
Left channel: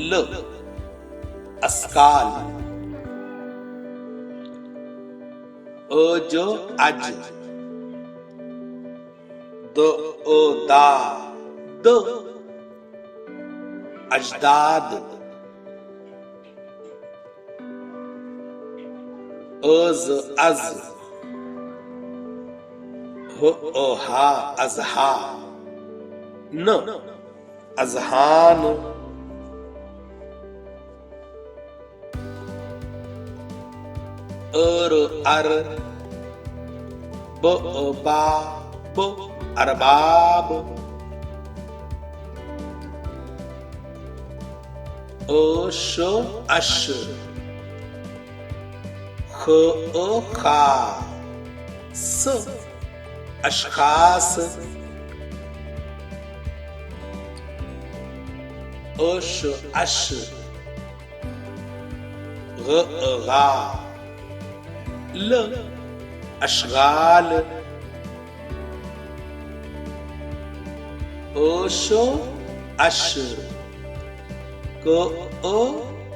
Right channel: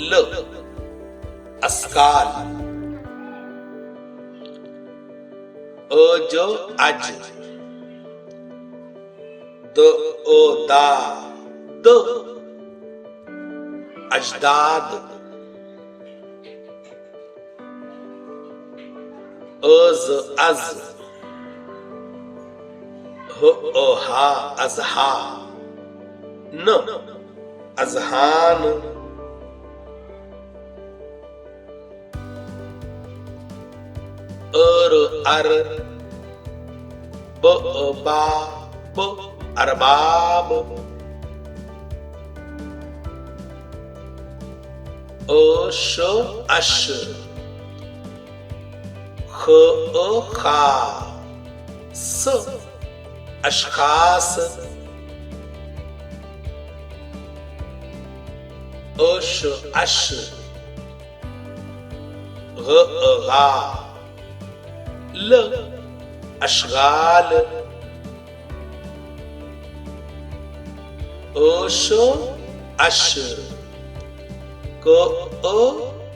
ल अस्काल अज अज द दा द अजदाद अज हा अजहा न अजहान अर बा ब अरबाब अश अश खा स अशखास अश अश गा ल अशगाल अश अश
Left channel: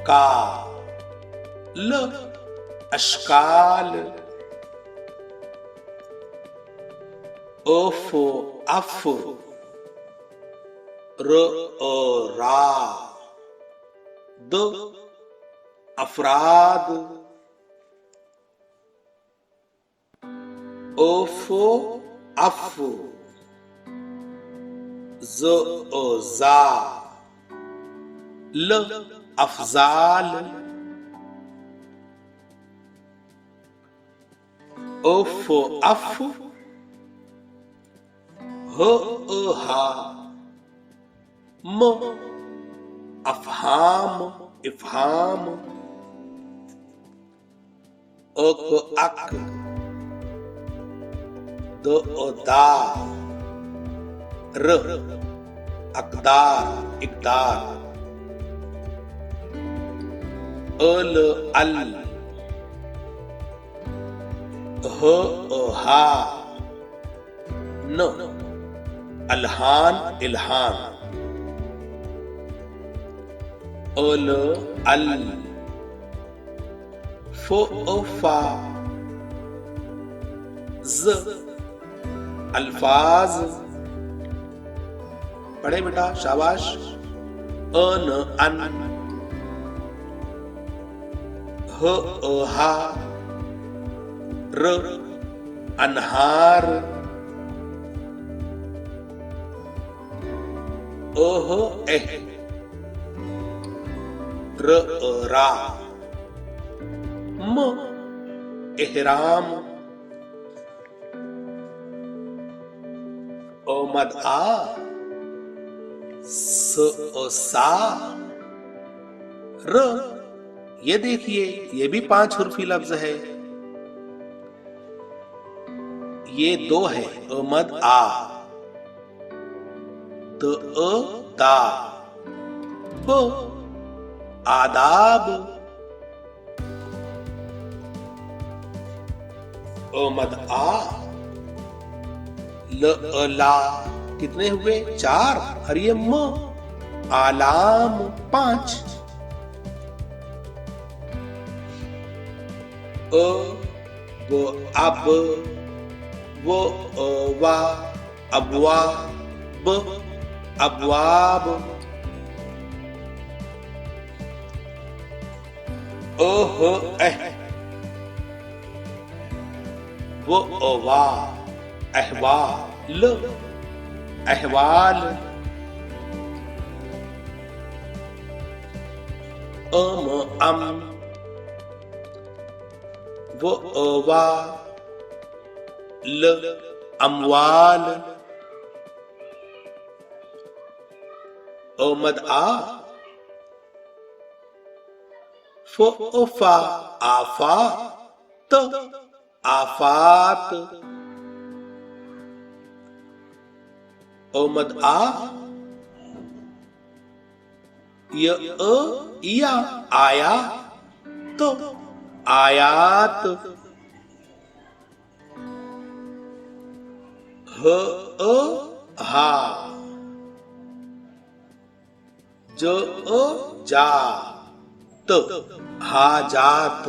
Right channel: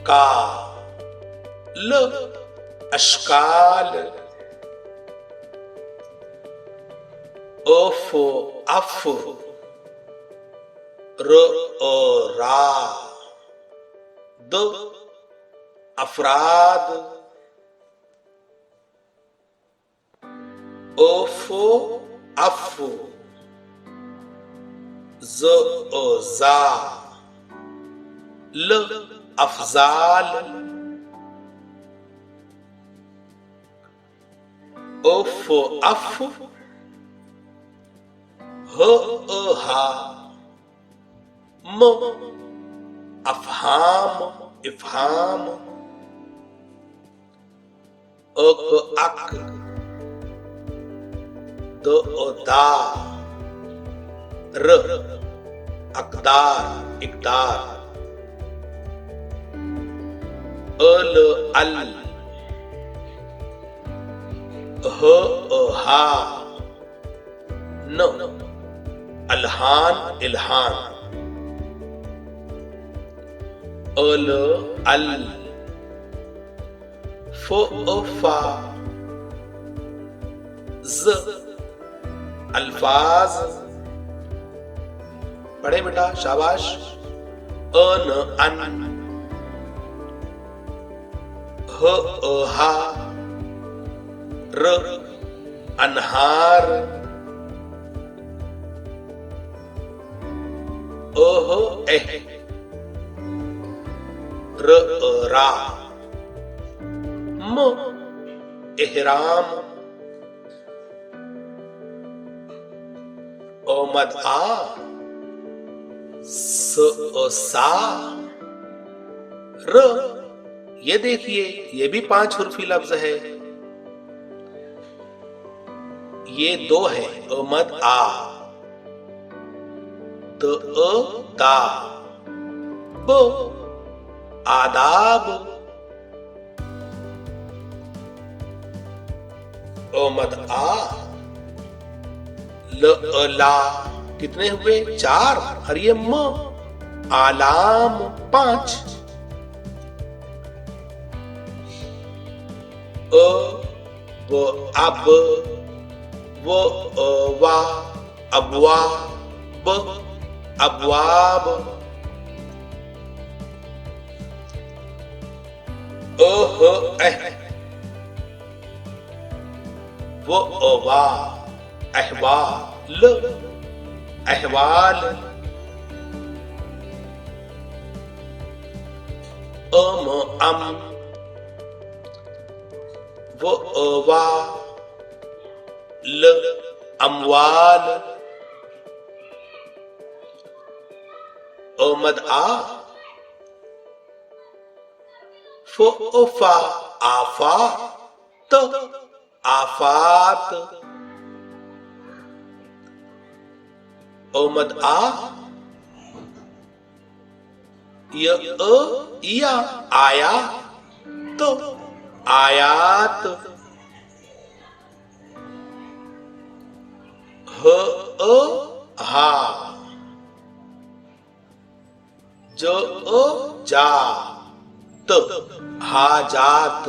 का ल अशकाल अफ अफ रा द अफराद ओफो अफो ज ओ जा ल अफजाल ओफो अफ ह अ हा म अफहाम इफहाम अक अक द ओ दा र अकदार इकदार अल अल ह अ हा न अलहान इल्हान अल अल फ अ फा ज अल्फाज पढ़े बेटा शाबाश अन अन ह अ हा र अनहार ओह एह र अ रा म एहराम ओमद आ स ओ सा र ये देखिए ये भी 5 हुर्फी लफ्ज है। ये 2 है ओमद आ द अ दा ब आदाब ओमद आ ल अ ला कितने हुए 4 और ये म आलाम 5 अ ब अब वो वा अबवा ब अबवाब ओह एह वो वा अहवा ल अहवाल अम वो वा ल अमवाल ओमद आ फा आफा त आफात ओमद आ य या आया तो आयात ह हा जो जा त हाजात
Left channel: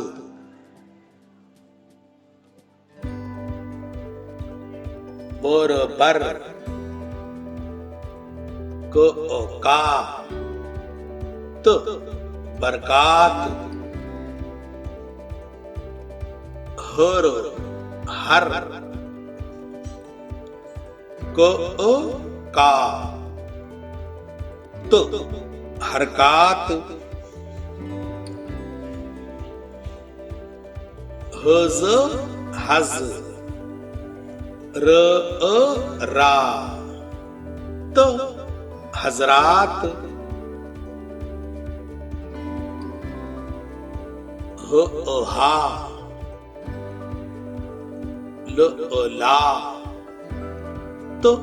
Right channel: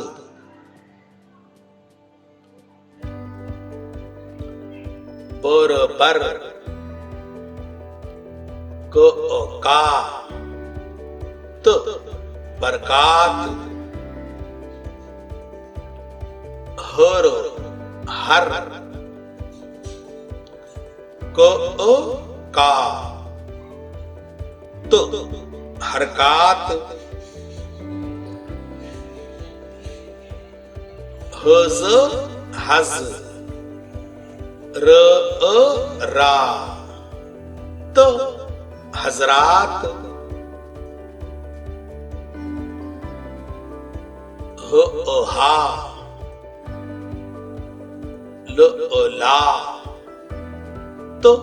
बर का त बरकात हर हर का त हरकात हज हज रा त हजरात हा ला तो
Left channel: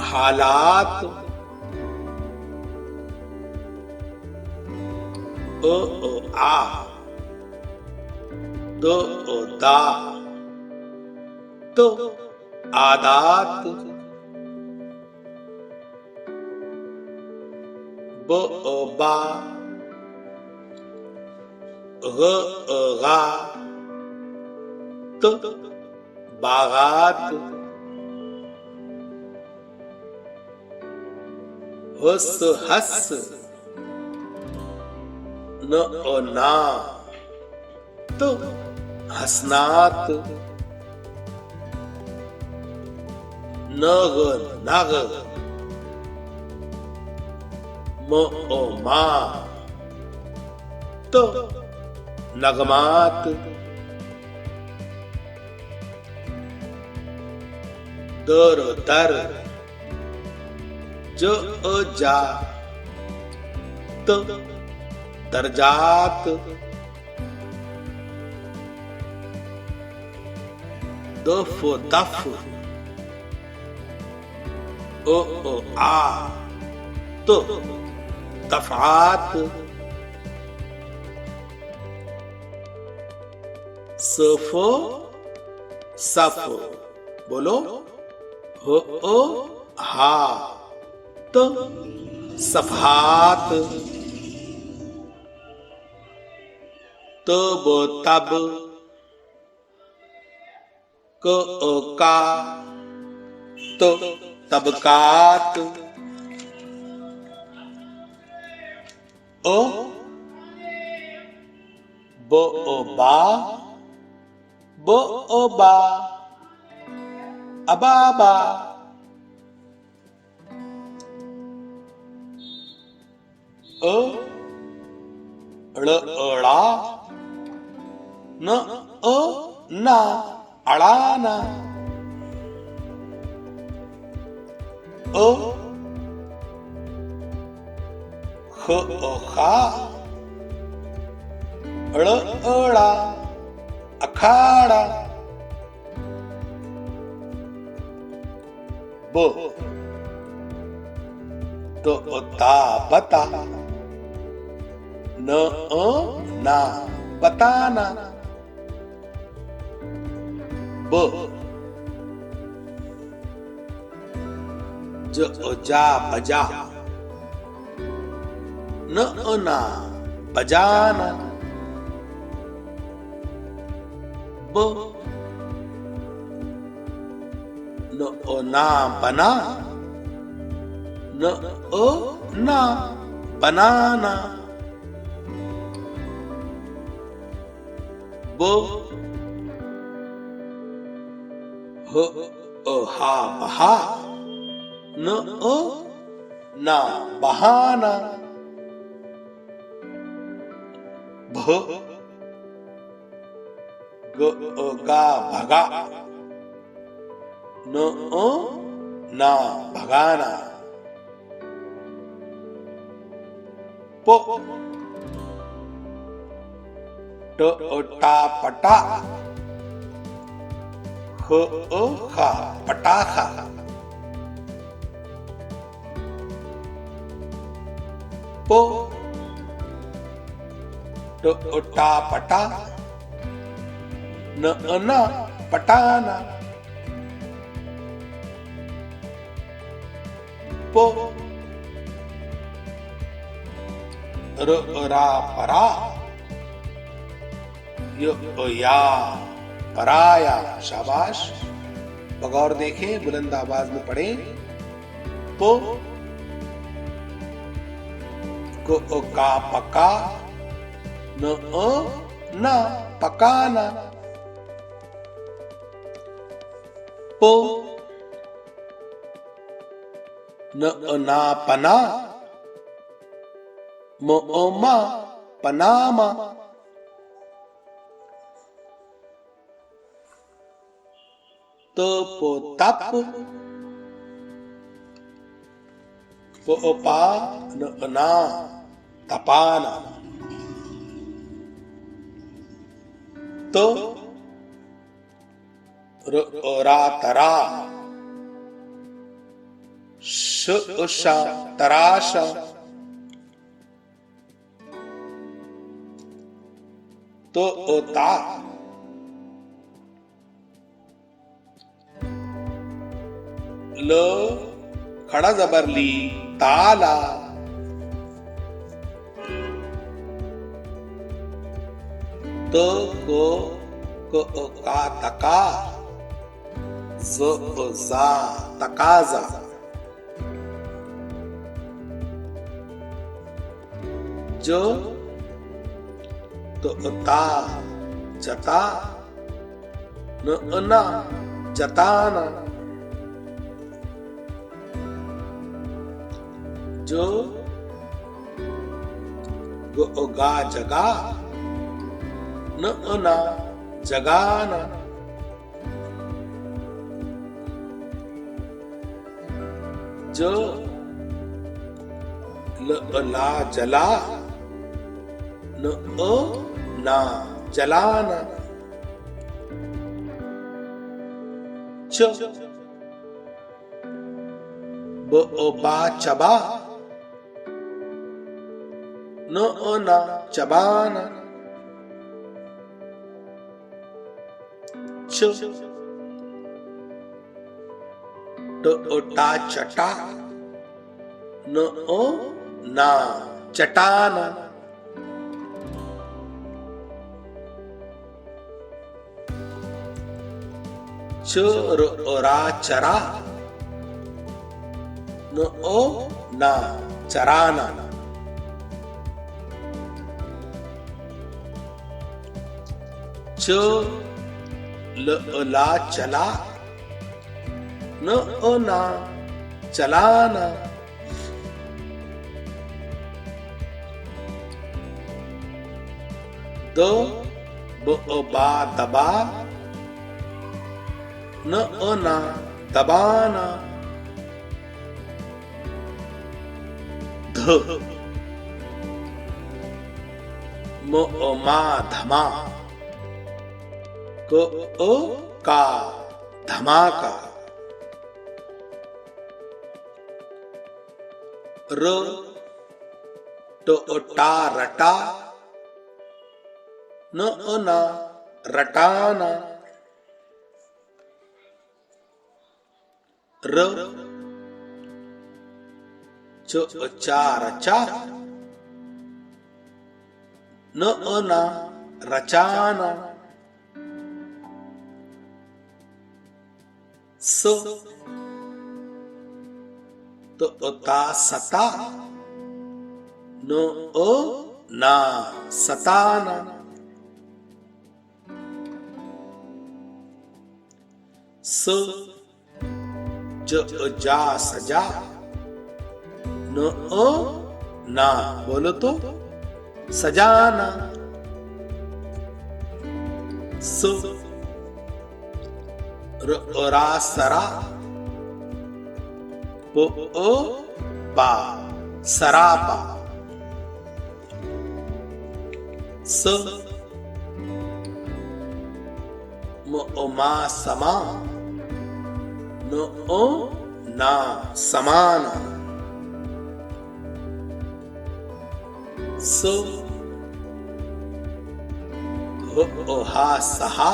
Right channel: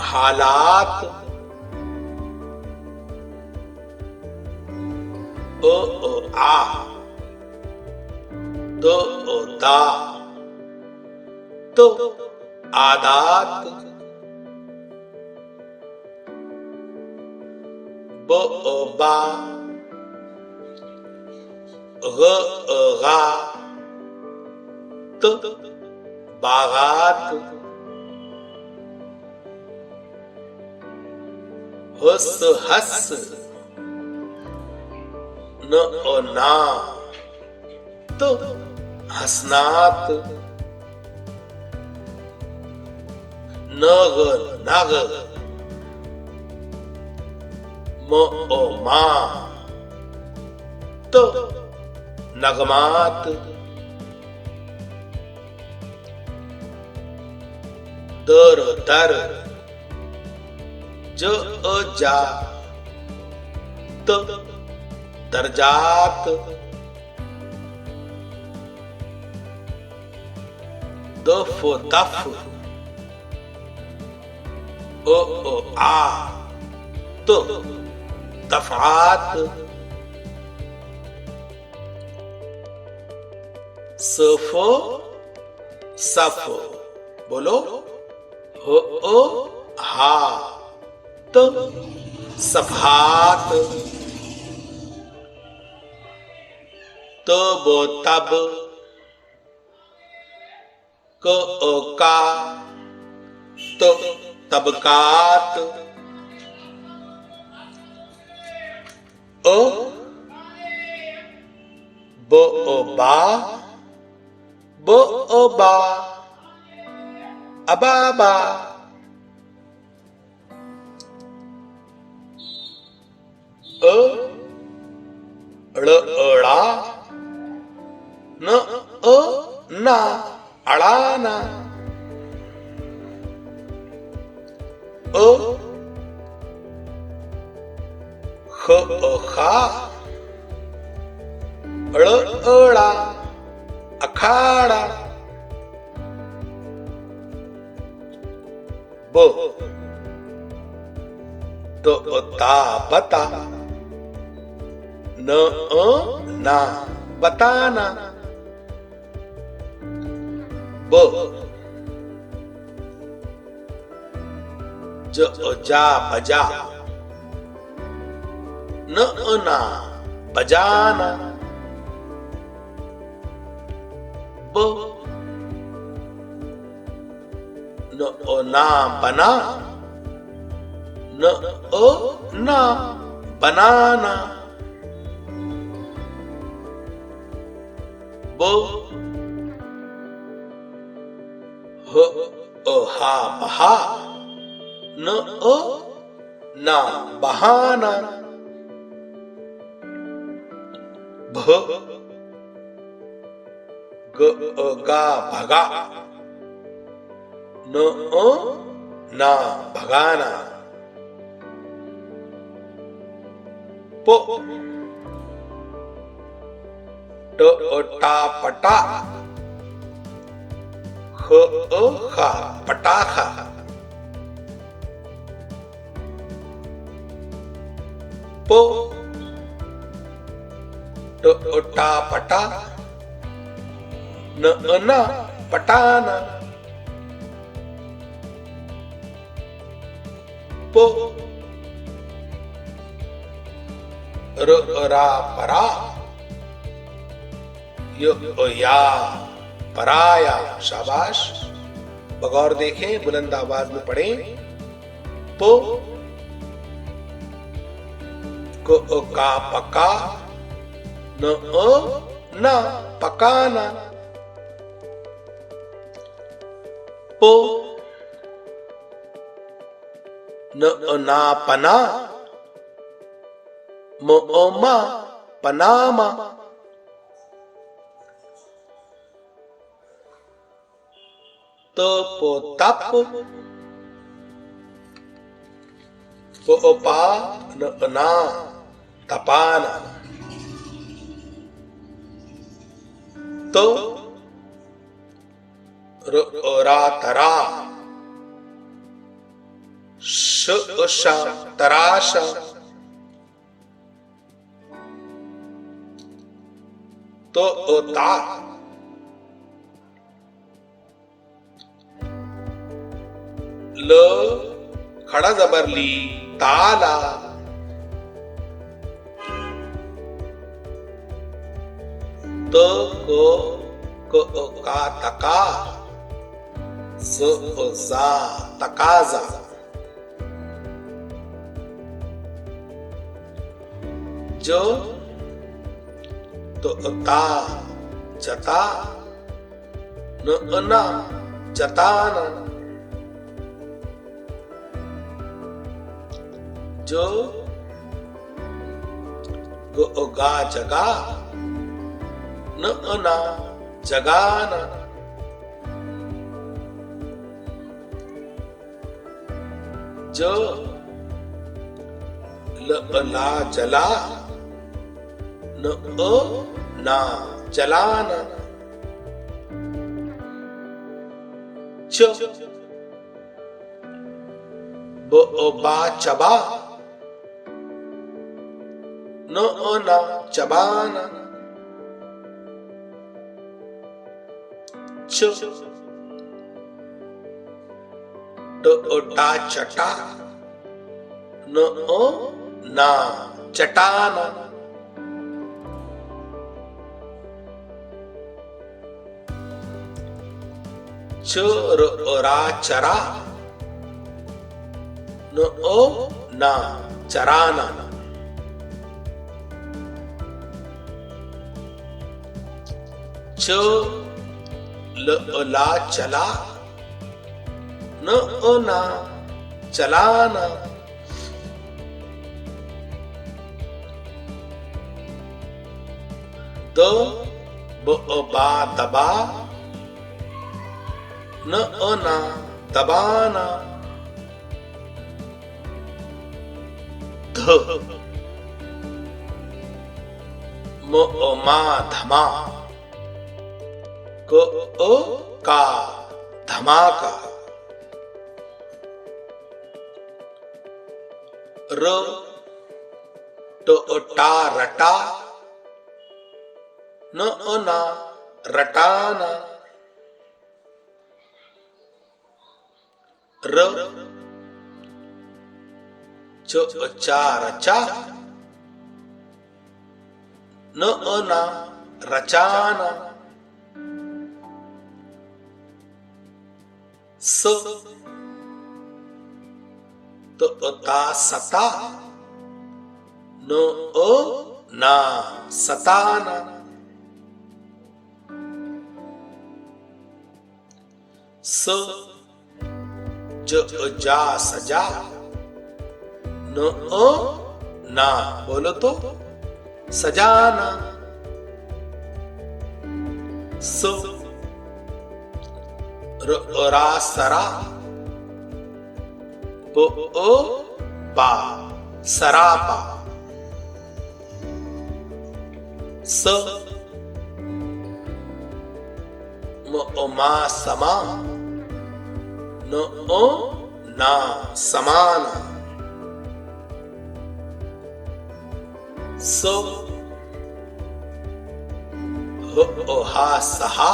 हालात आ दा तो आदात बा गा तो बागात हस न ना तो हसनात नग नाग, म ओ मा, त नगमात, दर दर, ज जा, त दरजात, दफ दफ, ओ आ, त दफात, सफ सफ, बोलो, हो ओ हा, त सफात, तब तब, क का, त तबकात, ओ बा, बा, अबाबा, अड़ा, न ना, अड़ाना, खा, अड़ा, अखाड़ा, बो तो ता बता, न ना, बताना, ब जा बजा, न ना, बजाना, ब न ना, बना, न ना, बनाना, बो हा बहा, न ना, बहाना, भ गा भगा, न ना, भगाना, पो टा पटा, खा, पटाखा, पो टा पटा, न ना, पटाना, पो रा परा, या पराया, शाबाश, बगौर देखें, बुलंद आवाज में पढ़ें, पो को का पका, न ना, पकाना, पो न ना, पना, मा, पनामा, तो तप, पा न ना, तपाना, तो रा तरा, शा, तराशा, तो ता, ल खड़ा जबर ली, ताला, तो को का तका, जा, तकाजा, जो तो ता, जता, न ना, जताना, जो गा जगा न ना जगाना, जो ला जला न ना जलाना, च बा चबा न ना चबाना, च टा चटा न ना चटाना, रा चरा न ना चराना, च ला चला न ना चलाना, द बा दबा न ना दबाना, ध मा धमा का धमाका, र टा रटा न ना रटाना, र चा रचा न ना रचाना, स ता सता न ना सताना, स जा सजा न ना बोलो तो सजाना, स रा सरा पा सरापा, स मा समा न ना समाना, स हा सहा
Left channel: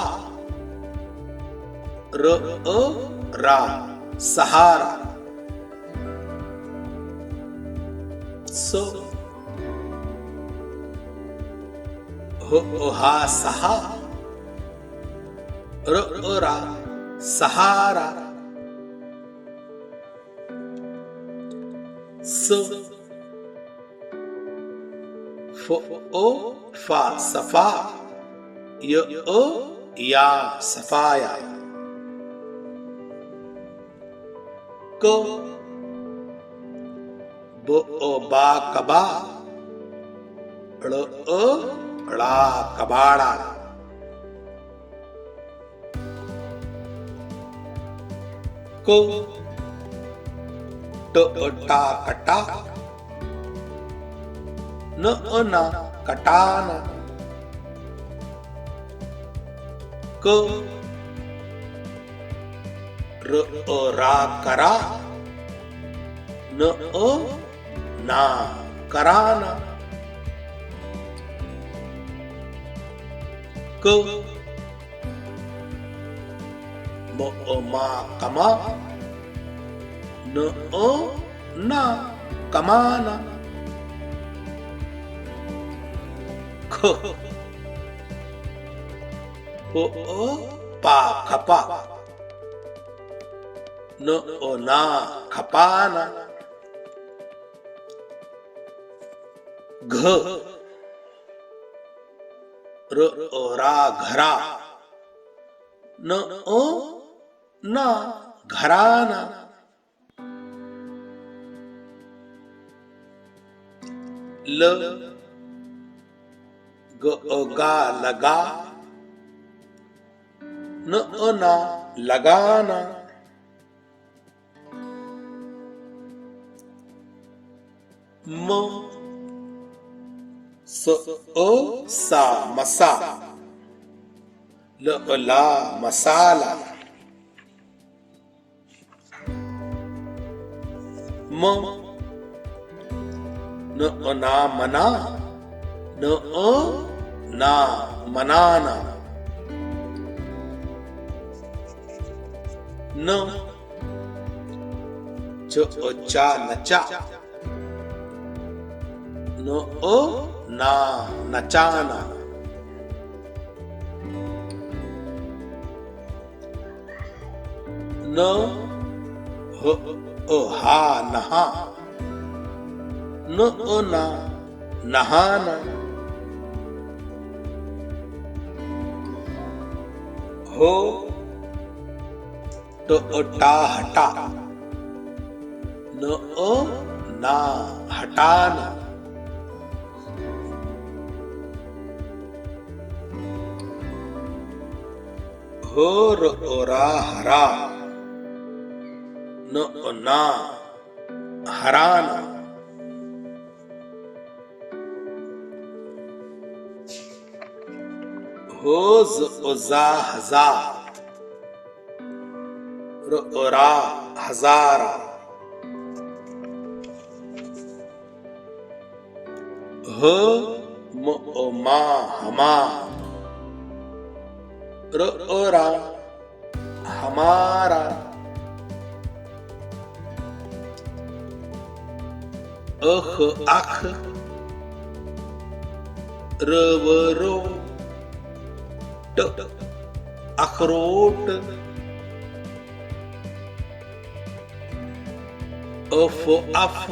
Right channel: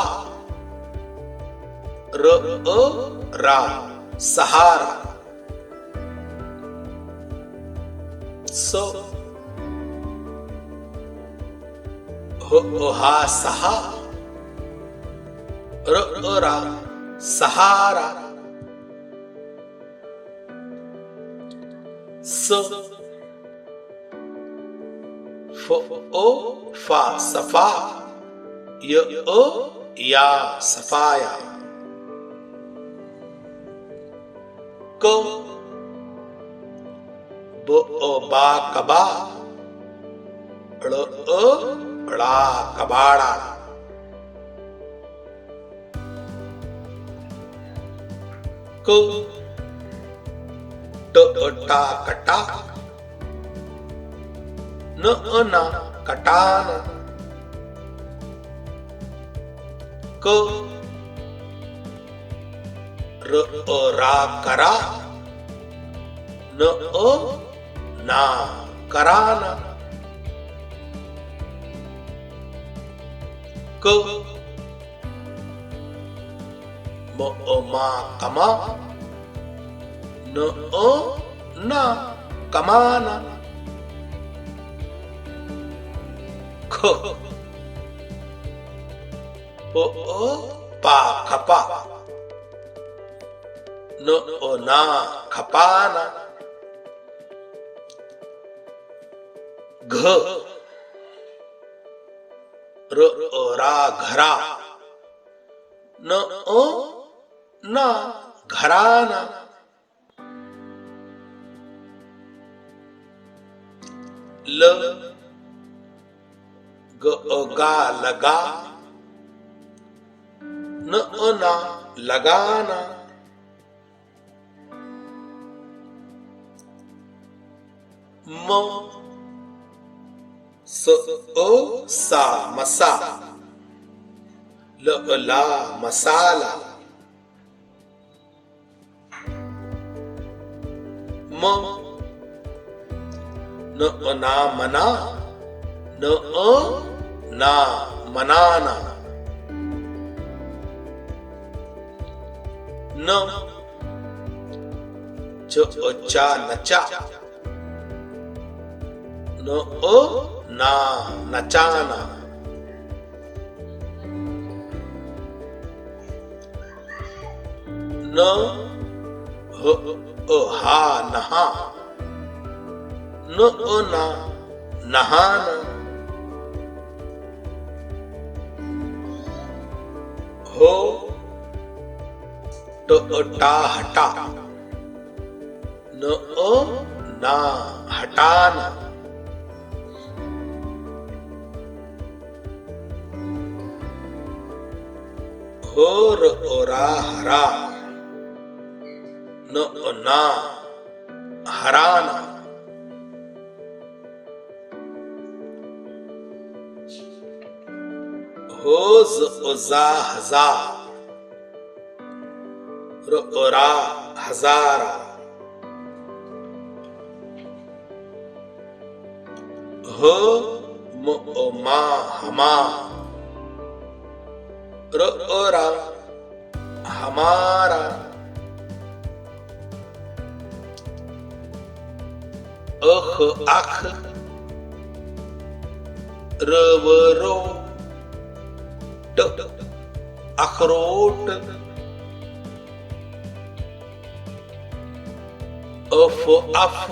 रा सहारा, स हा सहा रा सहारा, स फा सफा या सफाया, क बा कबा ड़ा कबाड़ा, क टा कटा न ना कटाना, क रा करा न ना कराना, क मा कमा न ना कमाना, ख पा खपा न ना खपाना, घ रा घरा न ना घराना, ल गा लगा, न ना लगाना, म सा मसा, ला मसाला, म न ना मना, न ना मनाना, न चा नचा, न ना नचाना, न हा नहा, न ना नहाना, हो टा हटा, न ना हटाना, हो रा हरा, न ना हराना, हो जा हजा, रा हजारा, हो मा हमा, रा हमारा, अख रवरो, अखरोट, अफ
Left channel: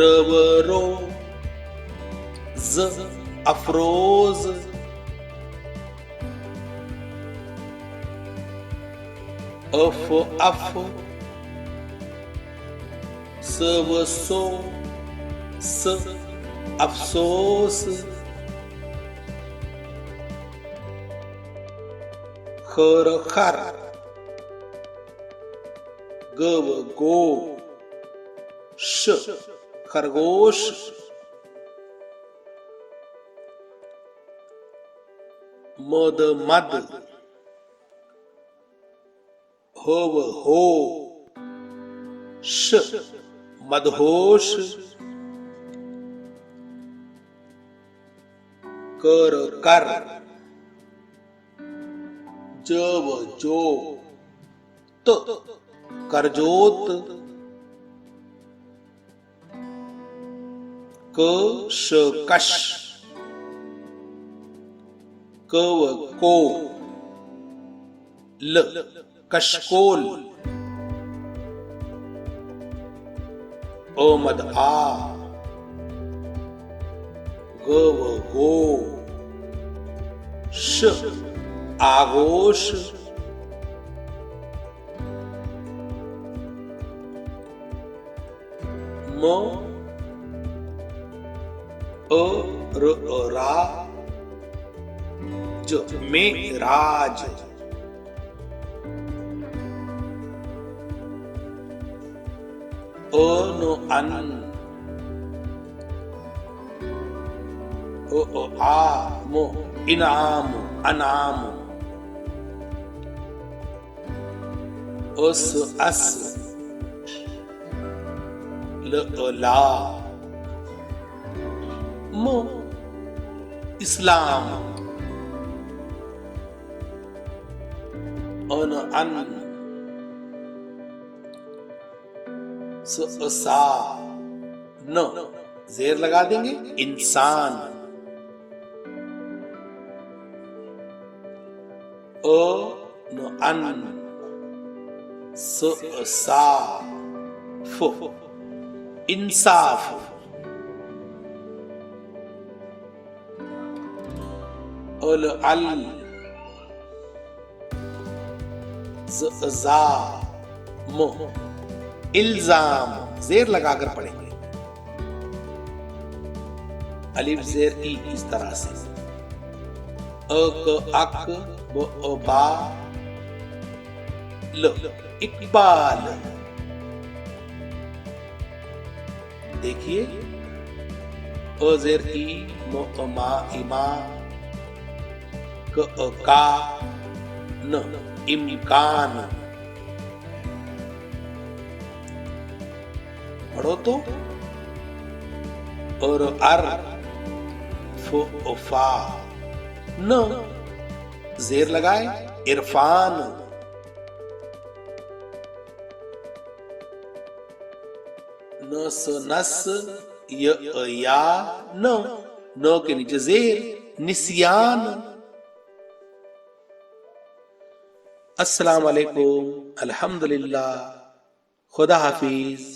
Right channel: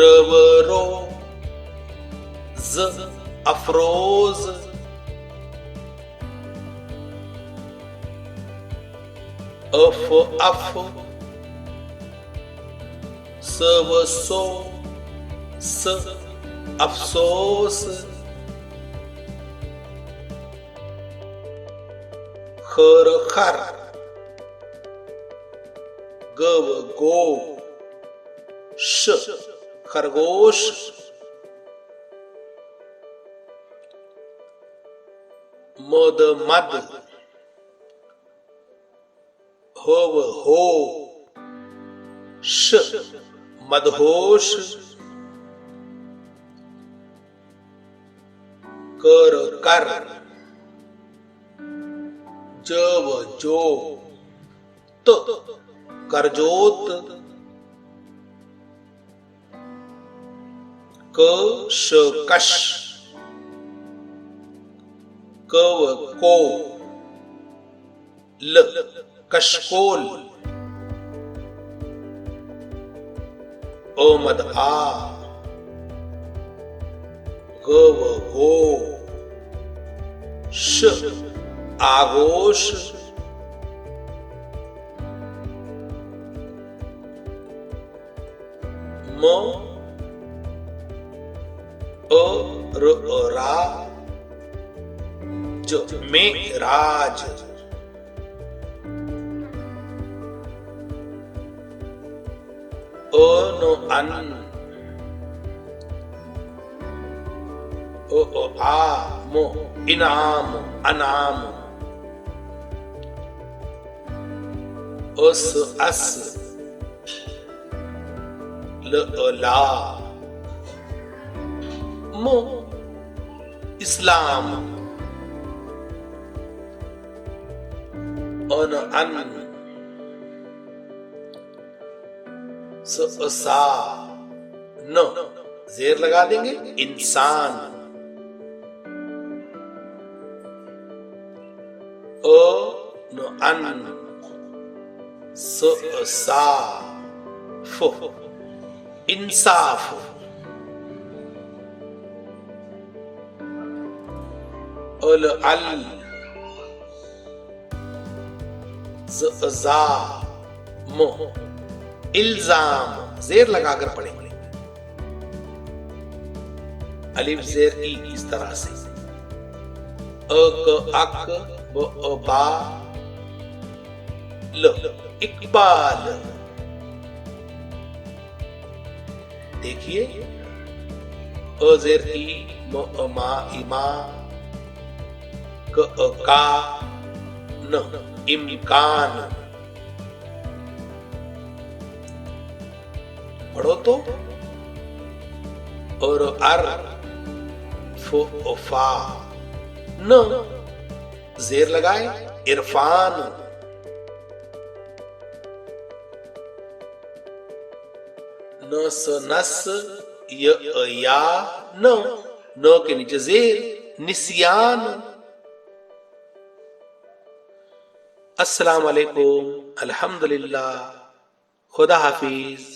रवरो, अफरोज, अफ सवसो, अफसोस, खर खर, गव गो, खरगोश, मद मद, होव हो, मदहोश, कर कर, जव जो, करजोत, कश, कव को, कशकोल, ओमद आ, गव गो, आगोश, म रा जो में राज, नो अन, ओ आ मो इनाम अनाम, उस अस ला, मो इस्लाम, अन अन, सा न, जेर लगा देंगे, इंसान, न अन, सा फो, इंसाफ, अल जा मो, इल्जाम, जेर लगाकर पढ़ेंगे, अलिफ जेर ई इस तरह से, अ क अक ब अ बा ल, इकबाल। देखिए, अ जेर ई म अ मा इमा, क अ का न, इम्कान। पढ़ो तो, और अर फ फा न, जेर लगाए, इरफान। न स नस, य या न के नीचे जेर, निस्यान। अस्सलाम वालेकुम, अल्हम्दुलिल्लाह, खुदा हाफिज।